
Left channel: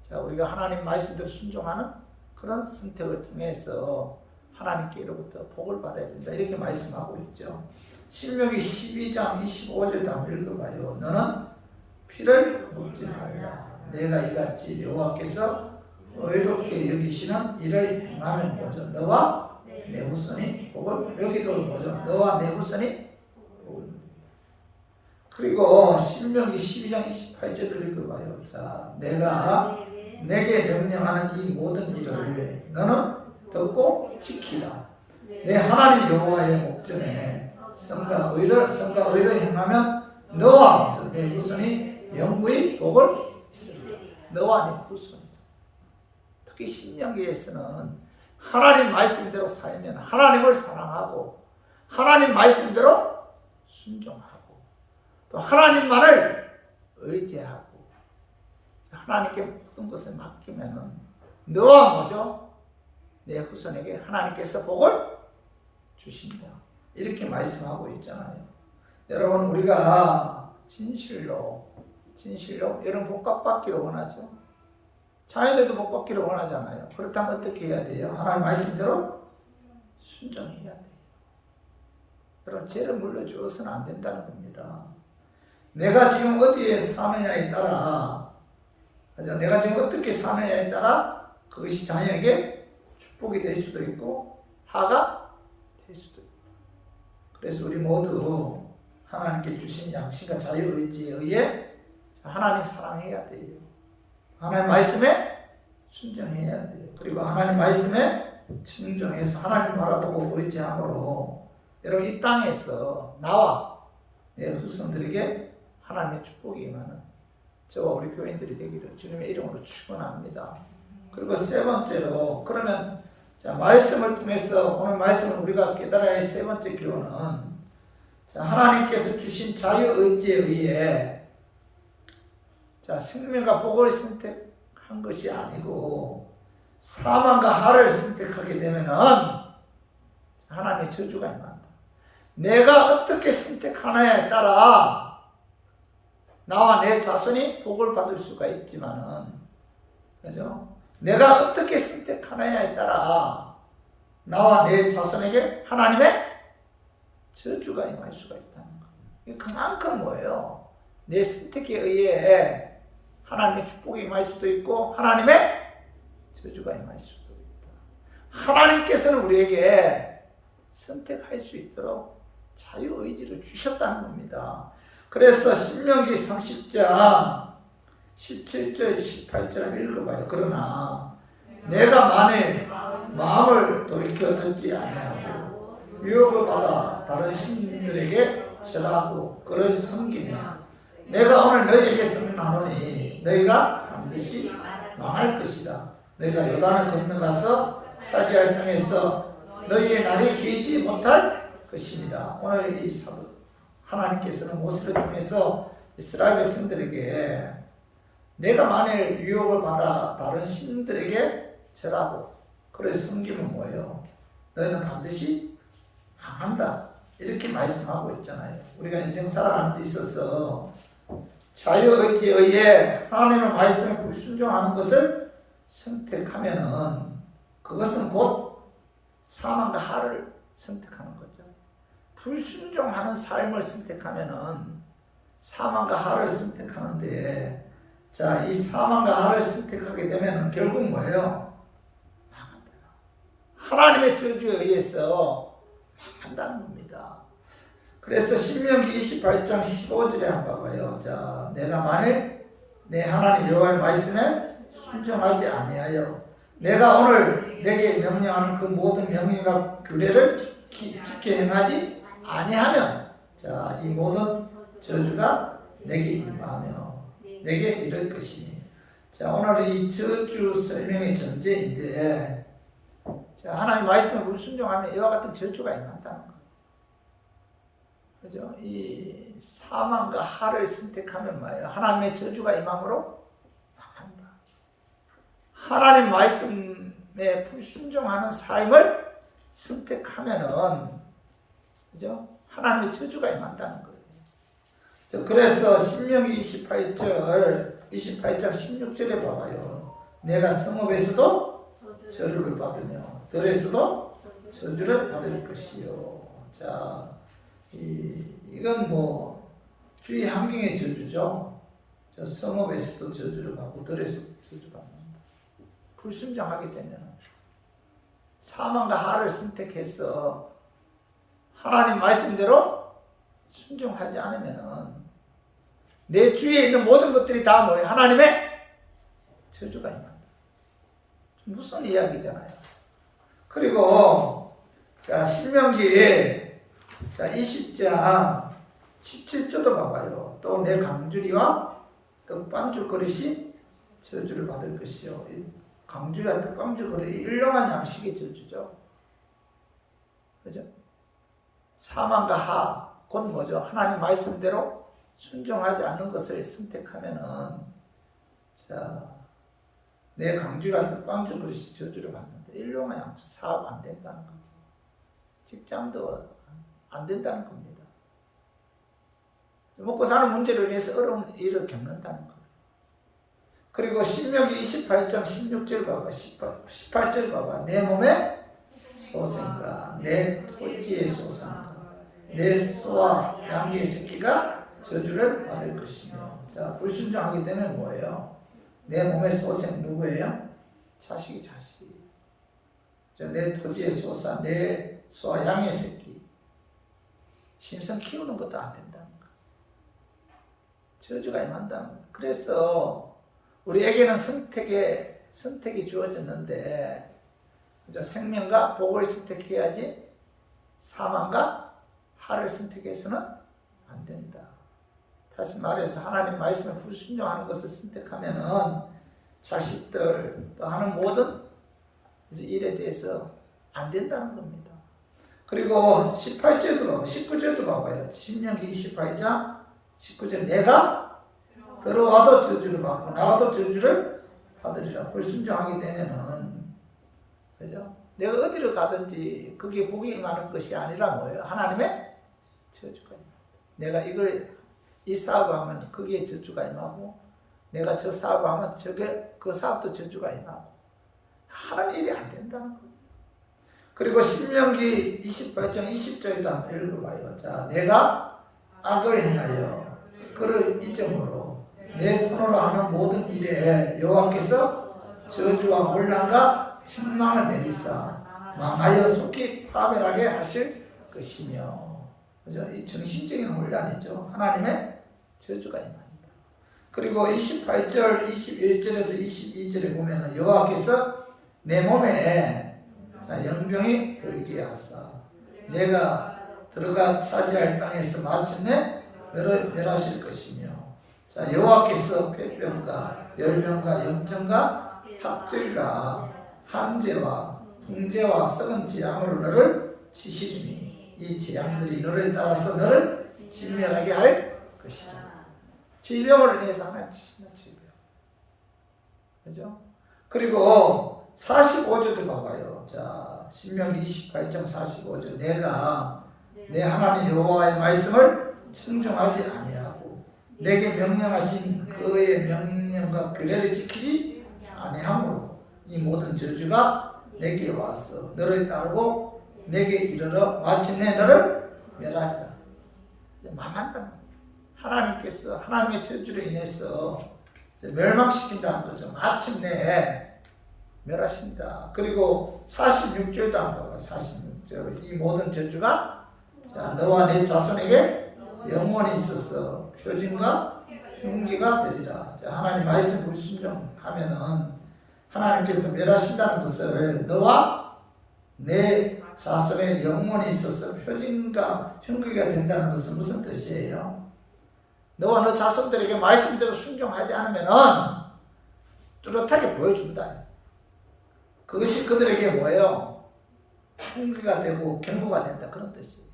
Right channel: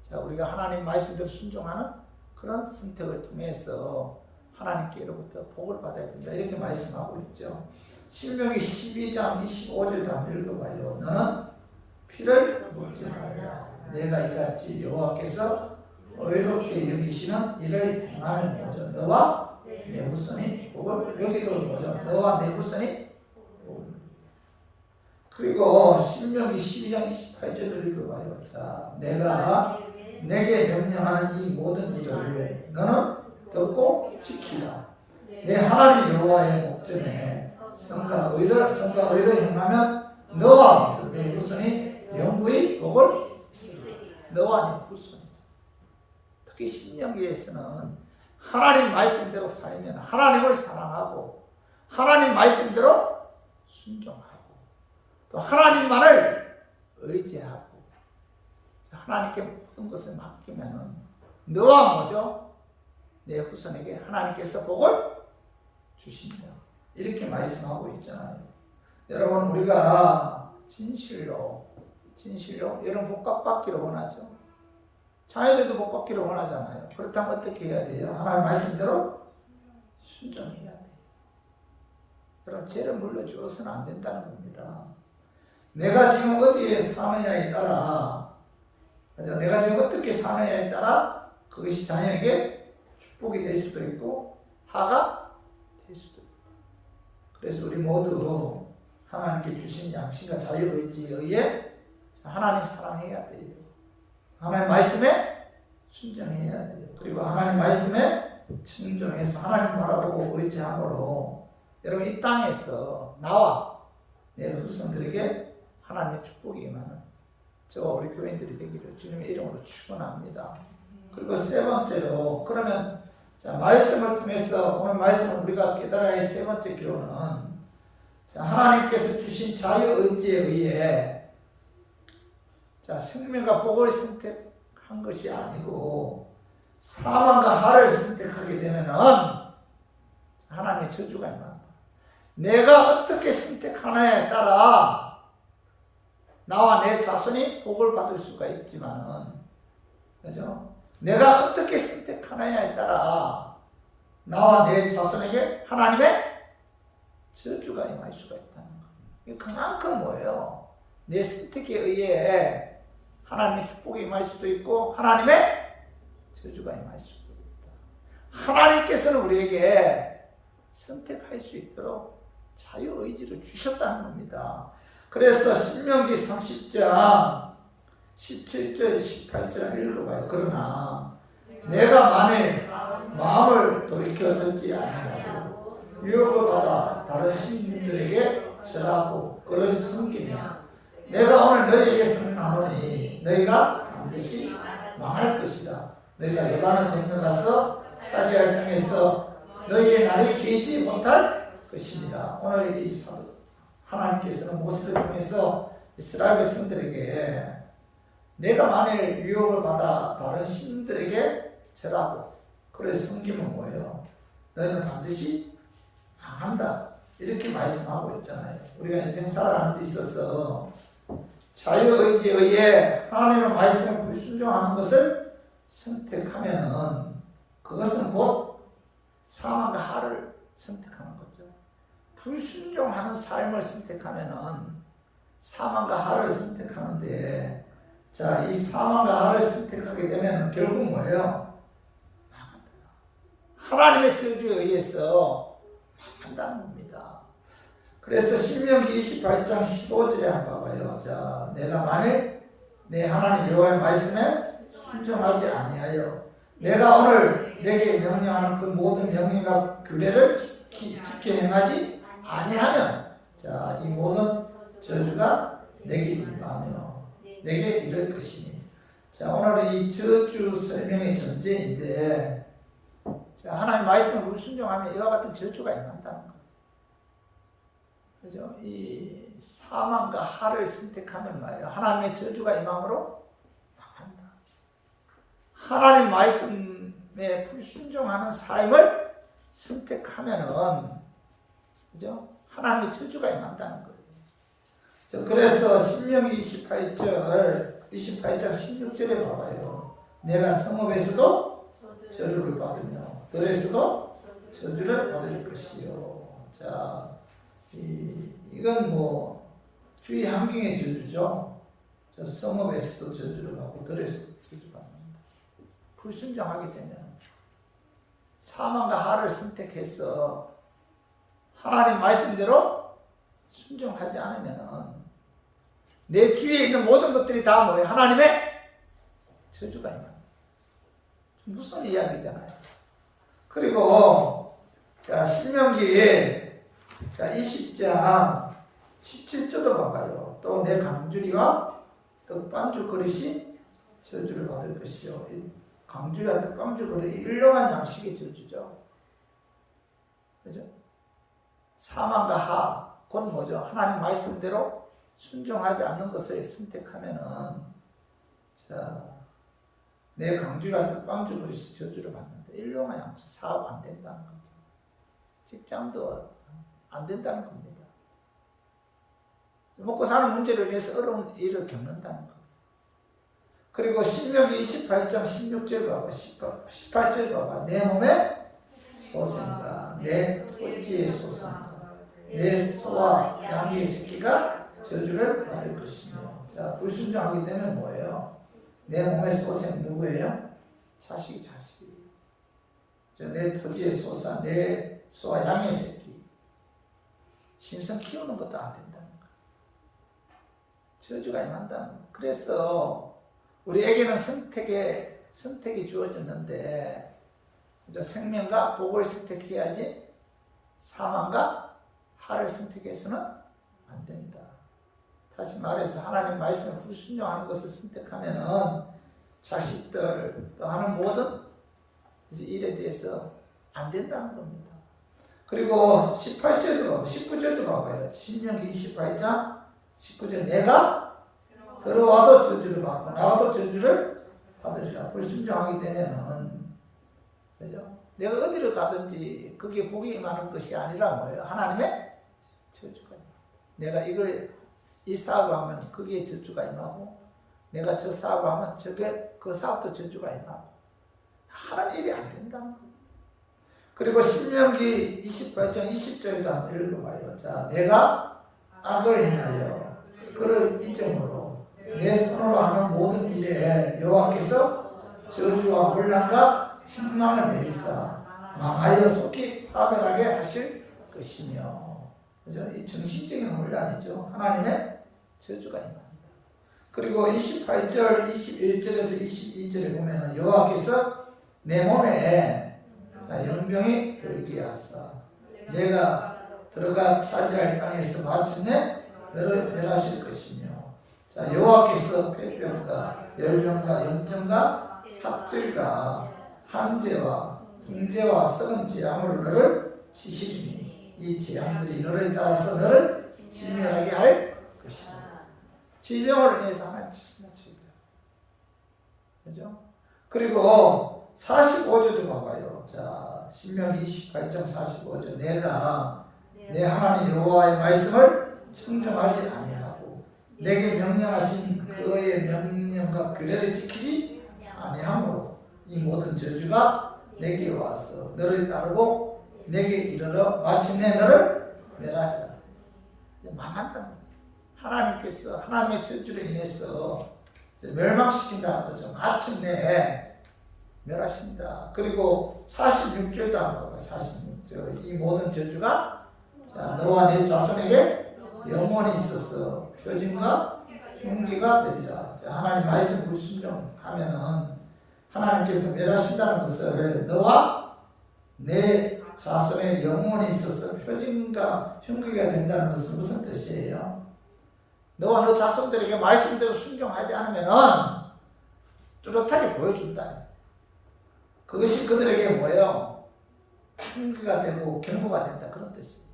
자, 우리가 하나님 말씀대로 순종하는 그런 선택을 통해서 하나님께로부터 복을 받아야 된다. 이렇게 말씀하고 있죠. 신명기 12장 25절도 한번 읽어봐요. 너는 피를 먹지 말라. 내가 이같이 여호와께서 의롭게 여기시는 일을 행하면 뭐죠? 너와 내 후손이 복을, 여기도 뭐죠? 너와 내 후손이 복을. 그리고 신명기 12장 28절도 읽어봐요. 자, 내가 내게 명령하는 이 모든 일을 너는 듣고 지키라. 내 하나님 여호와의 목전에 선과 의를 행하면 너와 내 후손이 영구히 복을 있으리라. 너와 내 후손이죠. 특히 신명기에서는 하나님 말씀대로 살면 하나님을 사랑하고 하나님 말씀대로 순종하고 또 하나님만을 의지하고 하나님께 모든 것을 맡기면은 너와 뭐죠? 내 후손에게 하나님께서 복을 주신다. 이렇게 말씀하고 있잖아요. 여러분, 우리가 진실로 여러분 복받기를 원하죠. 자녀들도 복받기를 원하잖아요. 그렇다면 어떻게 해야 돼요? 하나님 말씀대로 순종해야 돼요. 여러분, 죄를 물려주어서는 안 된다는 겁니다. 내가 지금 어디에 사느냐에 따라, 내가 지금 어떻게 사느냐에 따라 그것이 자녀에게 축복이 될 수도 있고 하가 될 수도 있다. 그래서 우리 모두 하나님께 주신 양심과 자유의지에 의해 하나님 사랑해야 돼요. 하나님 말씀에 순종해야 돼요. 그리고 하나님 말씀에 순종해서 하나님 바라보고 의지함으로 여러분 이 땅에서 나와 내 후손들에게 하나님의 축복이 임하는 저와 우리 교인들이 되기를 주님의 이름으로 축원합니다. 그리고 세 번째로, 그러면 자, 말씀을 통해서 오늘 말씀을 우리가 깨달아야 할 세 번째 교훈은 자, 하나님께서 주신 자유의지에 의해 자, 생명과 복을 선택한 것이 아니고 사망과 하를 선택하게 되면은 하나님의 저주가 임한다. 내가 어떻게 선택하느냐에 따라 나와 내 자손이 복을 받을 수가 있지만은, 그죠? 내가 어떻게 선택하느냐에 따라 나와 내 자손에게 하나님의 저주가 임할 수가 있다는 거예요. 그만큼 뭐예요? 내 선택에 의해 하나님의 축복이 임할 수도 있고 하나님의 저주가 임할 수도 있다. 하나님께서는 우리에게 선택할 수 있도록 자유의지를 주셨다는 겁니다. 그래서 신명기 30장 17절 18절 읽어봐요. 그러나 내가 만일 마음을 돌이켜 듣지 아니하고 유혹을 받아 다른 신들에게 절하고 그를 섬기냐, 내가 오늘 너희에게 선언하노니 너희가 반드시 망할 것이다. 너희가 요단을 건너가서 차지할 땅에서 너희의 날이 길지 못할 것입니다. 오늘 이 사도 하나님께서는 모세를 통해서 이스라엘 백성들에게 내가 만일 유혹을 받아 다른 신들에게 절하고 그를 섬기면 뭐예요? 너희는 반드시 망한다. 이렇게 말씀하고 있잖아요. 우리가 인생 살아가는 데 있어서 자유의지에 의해 하나님의 말씀에 불순종하는 것을 선택하면은 그것은 곧 사망과 하를 선택하는 거죠. 불순종하는 삶을 선택하면은 사망과 하를 선택하는데, 자, 이 사망과 하를 선택하게 되면은 결국 뭐예요? 망한다. 하나님의 저주에 의해서 망한다는 겁니다. 그래서 신명기 28장 15절에 한번 봐봐요. 자, 내가 만일 내 하나님 여호와의 말씀에 순종하지 아니하여 내가 오늘 내게 명령하는 그 모든 명령과 규례를 깊게 행하지 아니하면, 자, 이 모든 저주가 내게 임하며 내게 이를 것이니. 자, 오늘 이 저주 설명의 전제인데, 자, 하나님 말씀을 불순종하면 이와 같은 저주가 임한다는 거예요. 그죠? 이 사망과 하를 선택하면 뭐예요? 하나님의 저주가 임함으로 망한다. 하나님 말씀에 불순종하는 삶을 선택하면은, 그죠? 하나님의 저주가 임한다는 거예요. 그래서 신명기 28장 16절에 봐봐요. 내가 성읍에서도 저주를 받으며 들에서도 저주를 받을 것이요. 자, 이건 뭐 주의 환경의 저주죠. 저 성읍에서도 저주를 받고 들에서도 저주받는다. 불순종하게 되면 사망과 하를 선택해서 하나님 말씀대로 순종하지 않으면 내 주위에 있는 모든 것들이 다 뭐예요? 하나님의 저주가 임한다. 무슨 이야기잖아요. 그리고 자, 신명기 20장 17절도 봐봐요. 또 내 강주리와 떡반죽 그릇이 저주를 받을 것이요. 강주리와 떡반죽 그릇이 일용한 양식의 저주죠. 그죠? 사망과 하, 곧 뭐죠? 하나님 말씀대로 순종하지 않는 것을 선택하면은, 자, 내 강주리와 떡반죽 그릇이 저주를 받는데, 일용한 양식, 사업 안 된다는 거죠. 직장도 안 된다는 겁니다. 먹고 사는 문제를 위해서 어려운 일을 겪는다는 거예요. 그리고 신명기 28장 16절 봐봐. 18절 봐봐. 내 몸에 소생과 내 토지의 소생과 내 소와 양의 새끼가 저주를 받을 것이며. 자, 불순종하게 되면 뭐예요? 내 몸의 소생 누구예요? 자식이 자식. 내 토지의 소사, 내 소와 양의 새끼. 심성 키우는 것도 안 된다는 거예요. 저주가 임한다는 거예요. 그래서 우리에게는 선택이 주어졌는데, 그죠? 생명과 복을 선택해야지 사망과 하를 선택해서는 안 된다. 다시 말해서 하나님 말씀을 불순종하는 것을 선택하면은 자식들 또 하는 모든 일에 대해서 안 된다는 겁니다. 그리고 18절도 19절도 봐봐요. 신명기 28장 19절 내가 들어와도 저주를 받고 나가도 저주를 받으리라. 불순종하게 되면은, 그죠? 내가 어디를 가든지 그게 복이 임하는 것이 아니라 뭐예요? 하나님의 저주가 임한다. 내가 이 사업을 하면 거기에 저주가 임하고, 내가 저 사업을 하면 그 사업도 저주가 임하고, 하는 일이 안 된다는 거예요. 그리고 신명기 28장 20절도 한번 읽어봐요. 자, 내가 악을 행하여 그를 잊음으로 내 손으로 하는 모든 일에 여호와께서 저주와 혼란과 책망을 내리사 망하여 속히 파멸하게 하실 것이며. 그죠? 이 정신적인 혼란이죠. 하나님의 저주가 임한다. 그리고 28절, 21절에서 22절에 보면 여호와께서 내 몸에 연병이 들게 하사 내가 들어가 차지할 땅에서 마침내 너를 멸하실 것이며. 자, 여호와께서 폐병과 열병과 염증과 학질과 한재와 풍재와 썩은 재앙으로 너를 치시리니 이 재앙들이 너를 따라서 너를 진멸하게 할 것이다. 질병을 인해서 하나님 치시는 질병. 그죠? 그리고 45절도 봐봐요. 자, 신명기 28장 45절 내가 내 하나님 여호와의 말씀을 청종하지 아니하고 내게 명령하신 그의 명령과 규례를 지키지 아니하므로 이 모든 저주가 내게 와서 너를 따르고 내게 이르러 마침내 너를 멸하리라. 이제 망한다는 거예요. 하나님께서 하나님의 저주로 인해서 멸망시킨다는 거죠. 마침내 멸하신다. 그리고 46절도 한번 봐봐. 46절 이 모든 저주가 자, 너와 내 자손에게 영원히 있어서 표징과 흉기가 되리라. 자, 하나님 말씀 불순종하면은 하나님께서 멸하신다는 것을 너와 내 자손의 영원히 있어서 표징과 흉기가 된다는 것은 무슨 뜻이에요? 너와 너 자손들에게 말씀대로 순종하지 않으면은 뚜렷하게 보여준다. 그것이 그들에게 뭐예요? 흉기가 되고 경고가 된다. 그런 뜻이에요.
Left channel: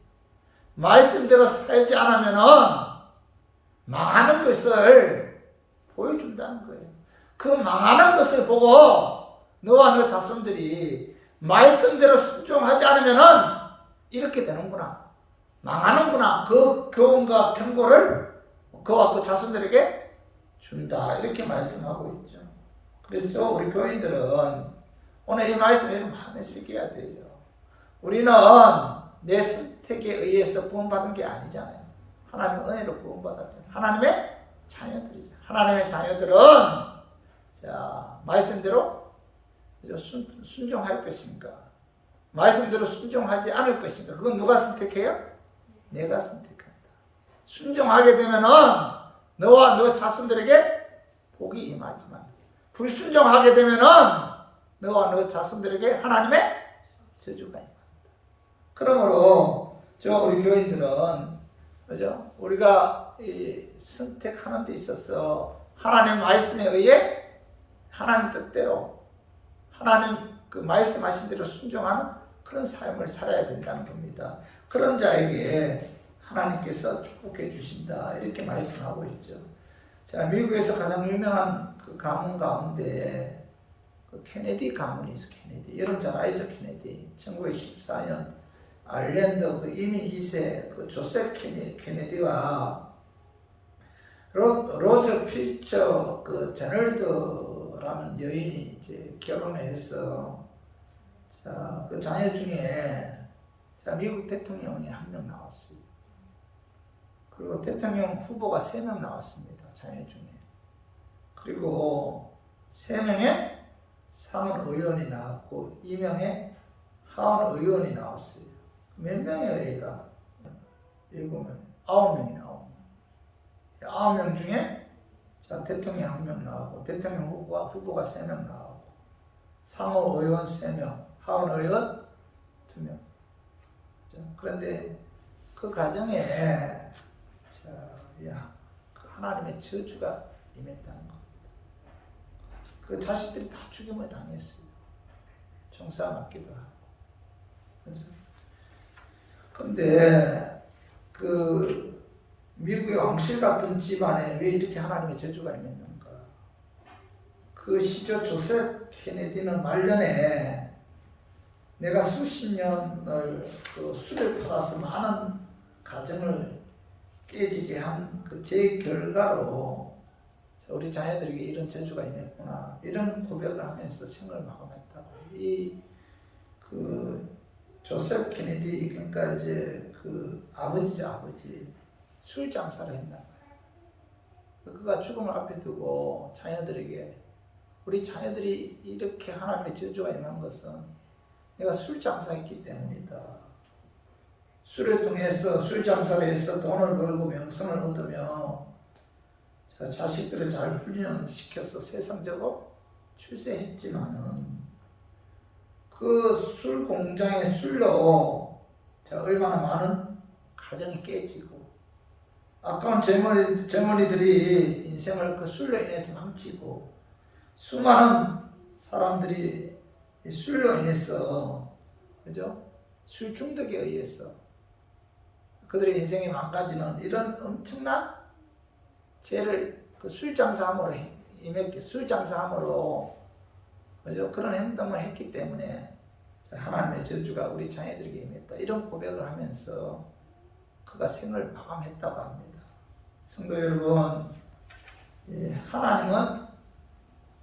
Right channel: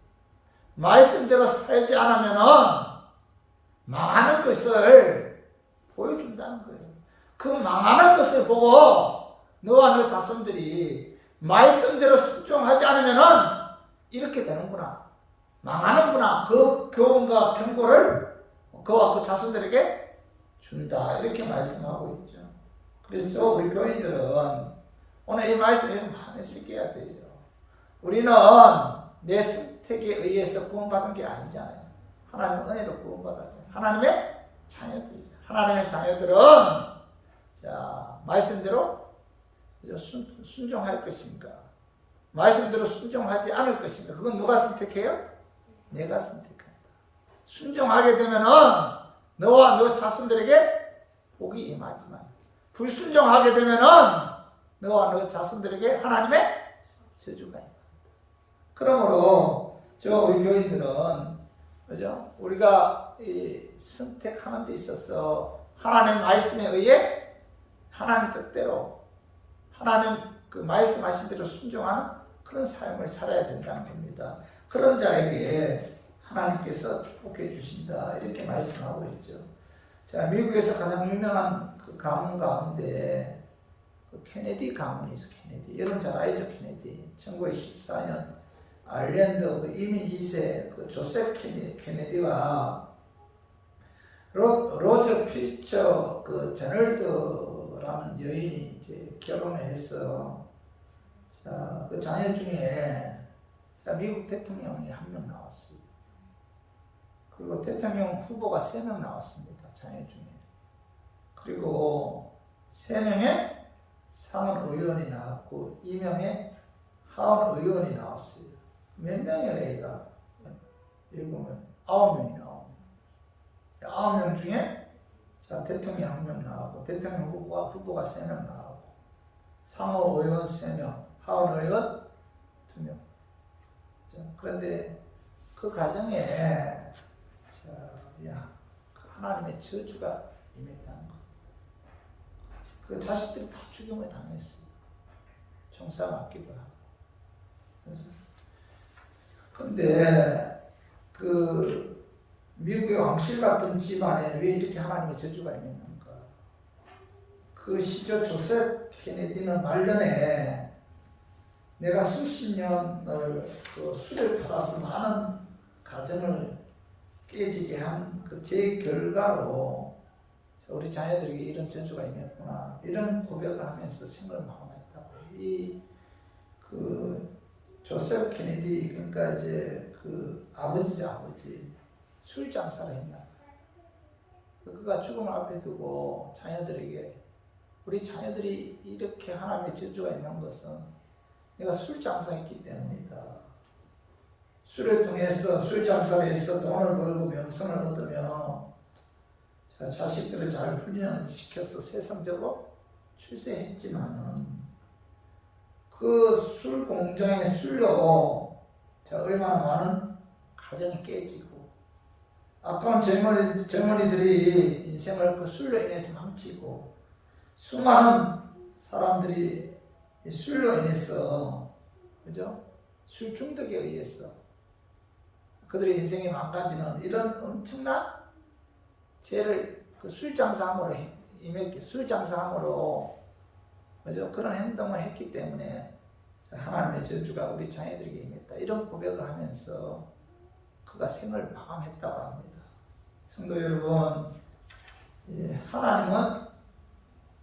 말씀대로 살지 않으면은 망하는 것을 보여준다는 거예요. 그 망하는 것을 보고 너와 너 자손들이 말씀대로 순종하지 않으면은 이렇게 되는구나. 망하는구나. 그 교훈과 경고를 그와 그 자손들에게 준다. 이렇게 말씀하고 있죠. 그래서 우리 교인들은 오늘 이 말씀을 마음에 새겨야 돼요. 우리는 내 선택에 의해서 구원받은 게 아니잖아요. 하나님의 은혜로 구원받았잖아요. 하나님의 자녀들이죠. 하나님의 자녀들은 자, 말씀대로 순종할 것인가? 말씀대로 순종하지 않을 것인가? 그건 누가 선택해요? 내가 선택한다. 순종하게 되면은 너와 너 자손들에게 복이 임하지만 불순종하게 되면은 너와 너 자손들에게 하나님의 저주가 임한다. 그러므로 우리 교인들은 그죠? 우리가 선택하는 데 있어서 하나님 말씀에 의해 하나님 뜻대로 하나님 그 말씀하신 대로 순종하는 그런 삶을 살아야 된다는 겁니다. 그런 자에게 하나님께서 축복해 주신다 이렇게 말씀하고 있죠. 자, 미국에서 가장 유명한 그 가문 가운데 그 케네디 가문이 있어. 케네디 여러분 잘 알죠? 케네디 1914년 아일랜드 그 이민 2세 그 조셉 케네디와 로저 필처 그 제널드라는 여인이 이제 결혼해서 자, 그 자녀 중에 자, 미국 대통령이 한 명 나왔어요. 그리고 대통령 후보가 3명 나왔습니다. 자녀 중에. 그리고 3명의 상원 의원이 나왔고 2명의 하원 의원이 나왔어요. 몇 명이에요, 얘가? 7명, 9명이 나옵니다. 9명 중에 자, 대통령 1명 나오고 대통령 후보가 3명 나오고 상원 의원 3명, 하원 의원 2명. 그런데 그 가정에 하나님의 저주가 임했다는 겁니다. 그 자식들이 다 죽임을 당했어요. 총사 맞기도 하고. 그런데 그 미국의 왕실 같은 집안에 왜 이렇게 하나님의 저주가 임했는가? 그 시조 조셉 케네디는 말년에 내가 수십 년을 그 술을 팔아서 많은 가정을 깨지게 한 그 제 결과로 우리 자녀들에게 이런 저주가 임했구나 이런 고백을 하면서 생을 마감했다고. 이 그 조셉 케네디 그러니까 이제 그 아버지죠. 아버지 술 장사를 했나 봐요. 그가 죽음을 앞에 두고 자녀들에게 우리 자녀들이 이렇게 하나님의 저주가 임한 것은 내가 술 장사했기 때문이다. 술을 통해서 술 장사를 해서 돈을 벌고 명성을 얻으며 자식들을 잘 훈련시켜서 세상적으로 출세했지만은 그 술 공장의 술로 얼마나 많은 가정이 깨지고 아까운 젊은이들이 인생을 그 술로 인해서 망치고 수많은 사람들이 술로 인해서 그죠? 술 중독에 의해서 그들의 인생이 망가지는 이런 엄청난 죄를 그 술 장사함으로 임했기, 술 장사함으로 그죠? 그런 행동을 했기 때문에 하나님의 저주가 우리 자녀들에게 임했다. 이런 고백을 하면서 그가 생을 마감했다고 합니다. 성도 여러분, 하나님은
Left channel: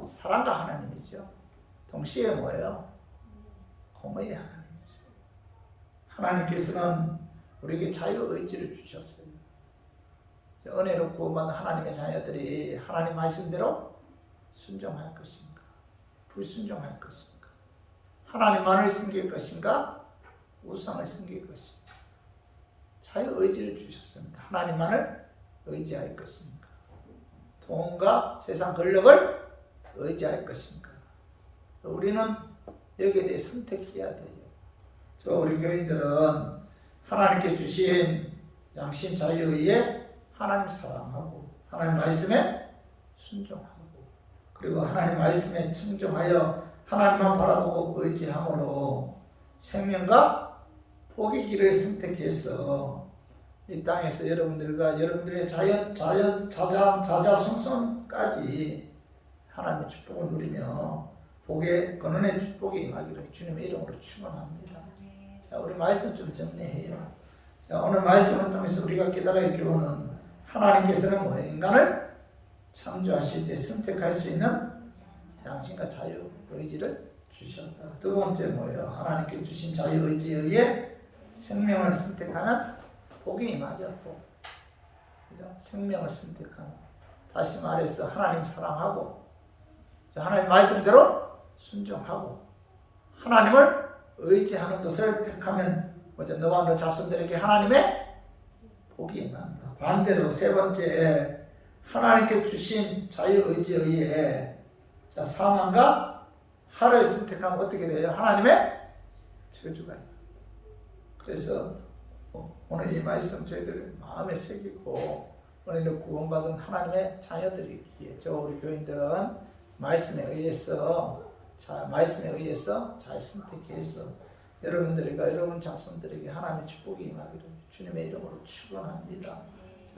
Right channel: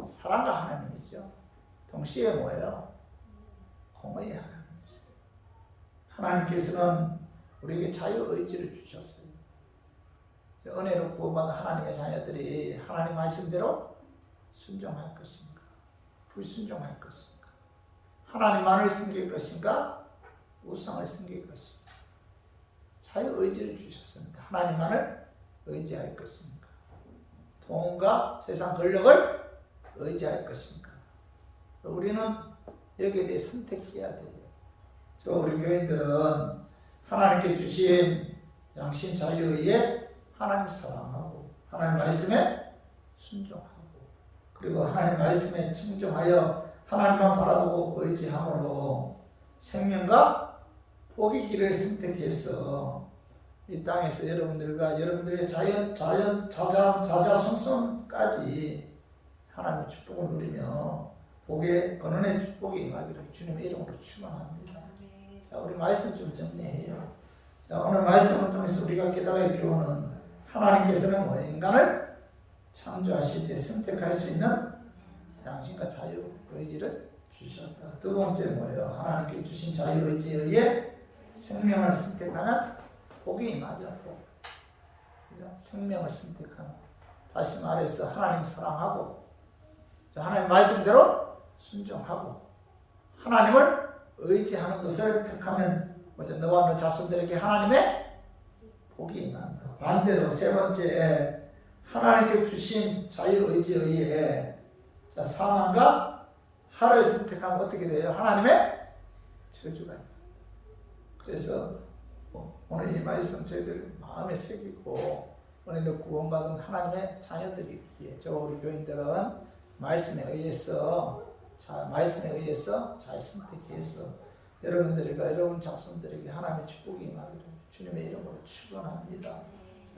사랑과 하나님이죠. 동시에 뭐예요? 공의의 하나님이죠. 하나님께서는 우리에게 자유의지를 주셨어요. 은혜로 구원받은 하나님의 자녀들이 하나님 말씀대로 순종할 것인가? 불순종할 것인가? 하나님만을 섬길 것인가? 우상을 섬길 것인가? 자유의지를 주셨습니다. 하나님만을 의지할 것인가? 돈과 세상 권력을 의지할 것인가? 우리는 여기에 대해 선택해야 돼요. 우리 교인들은 하나님께 주신 양심 자유에 의해 하나님 사랑하고 하나님 말씀에 순종하고 그리고 하나님 말씀에 충종하여 하나님만 바라보고 의지함으로 생명과 복의 길을 선택해서 이 땅에서 여러분들과 여러분들의 자자손손까지 하나님의 축복을 누리며 복의 근원의 축복이 임하기를 주님의 이름으로 축원합니다. 자, 우리 말씀 좀 정리해요. 자, 오늘 말씀을 통해서 우리가 깨달아야 할 교훈은 하나님께서는 뭐 인간을 창조하실 때 선택할 수 있는 양심과 자유 의지를 주셨다. 두 번째 뭐예요? 하나님께 주신 자유 의지에 의해 생명을 선택하는 복이 임하죠. 복. 그죠? 생명을 선택하는. 다시 말해서 하나님 사랑하고 하나님 말씀대로 순종하고 하나님을 의지하는 것을 택하면 뭐죠? 너와 너 자손들에게 하나님의 복이 임한다. 반대로 세 번째 하나님께 주신 자유의지에 의해 상황과 하를 선택하면 어떻게 돼요? 하나님의 저주가 있다. 그래서 오늘 이 말씀 저희들 마음에 새기고 오늘 구원받은 하나님의 자녀들이기에 우리 교인들은 말씀에 의해서 잘 선택해서 여러분들과 여러분 자손들에게 하나님의 축복이 임하기를 주님의 이름으로 축원합니다.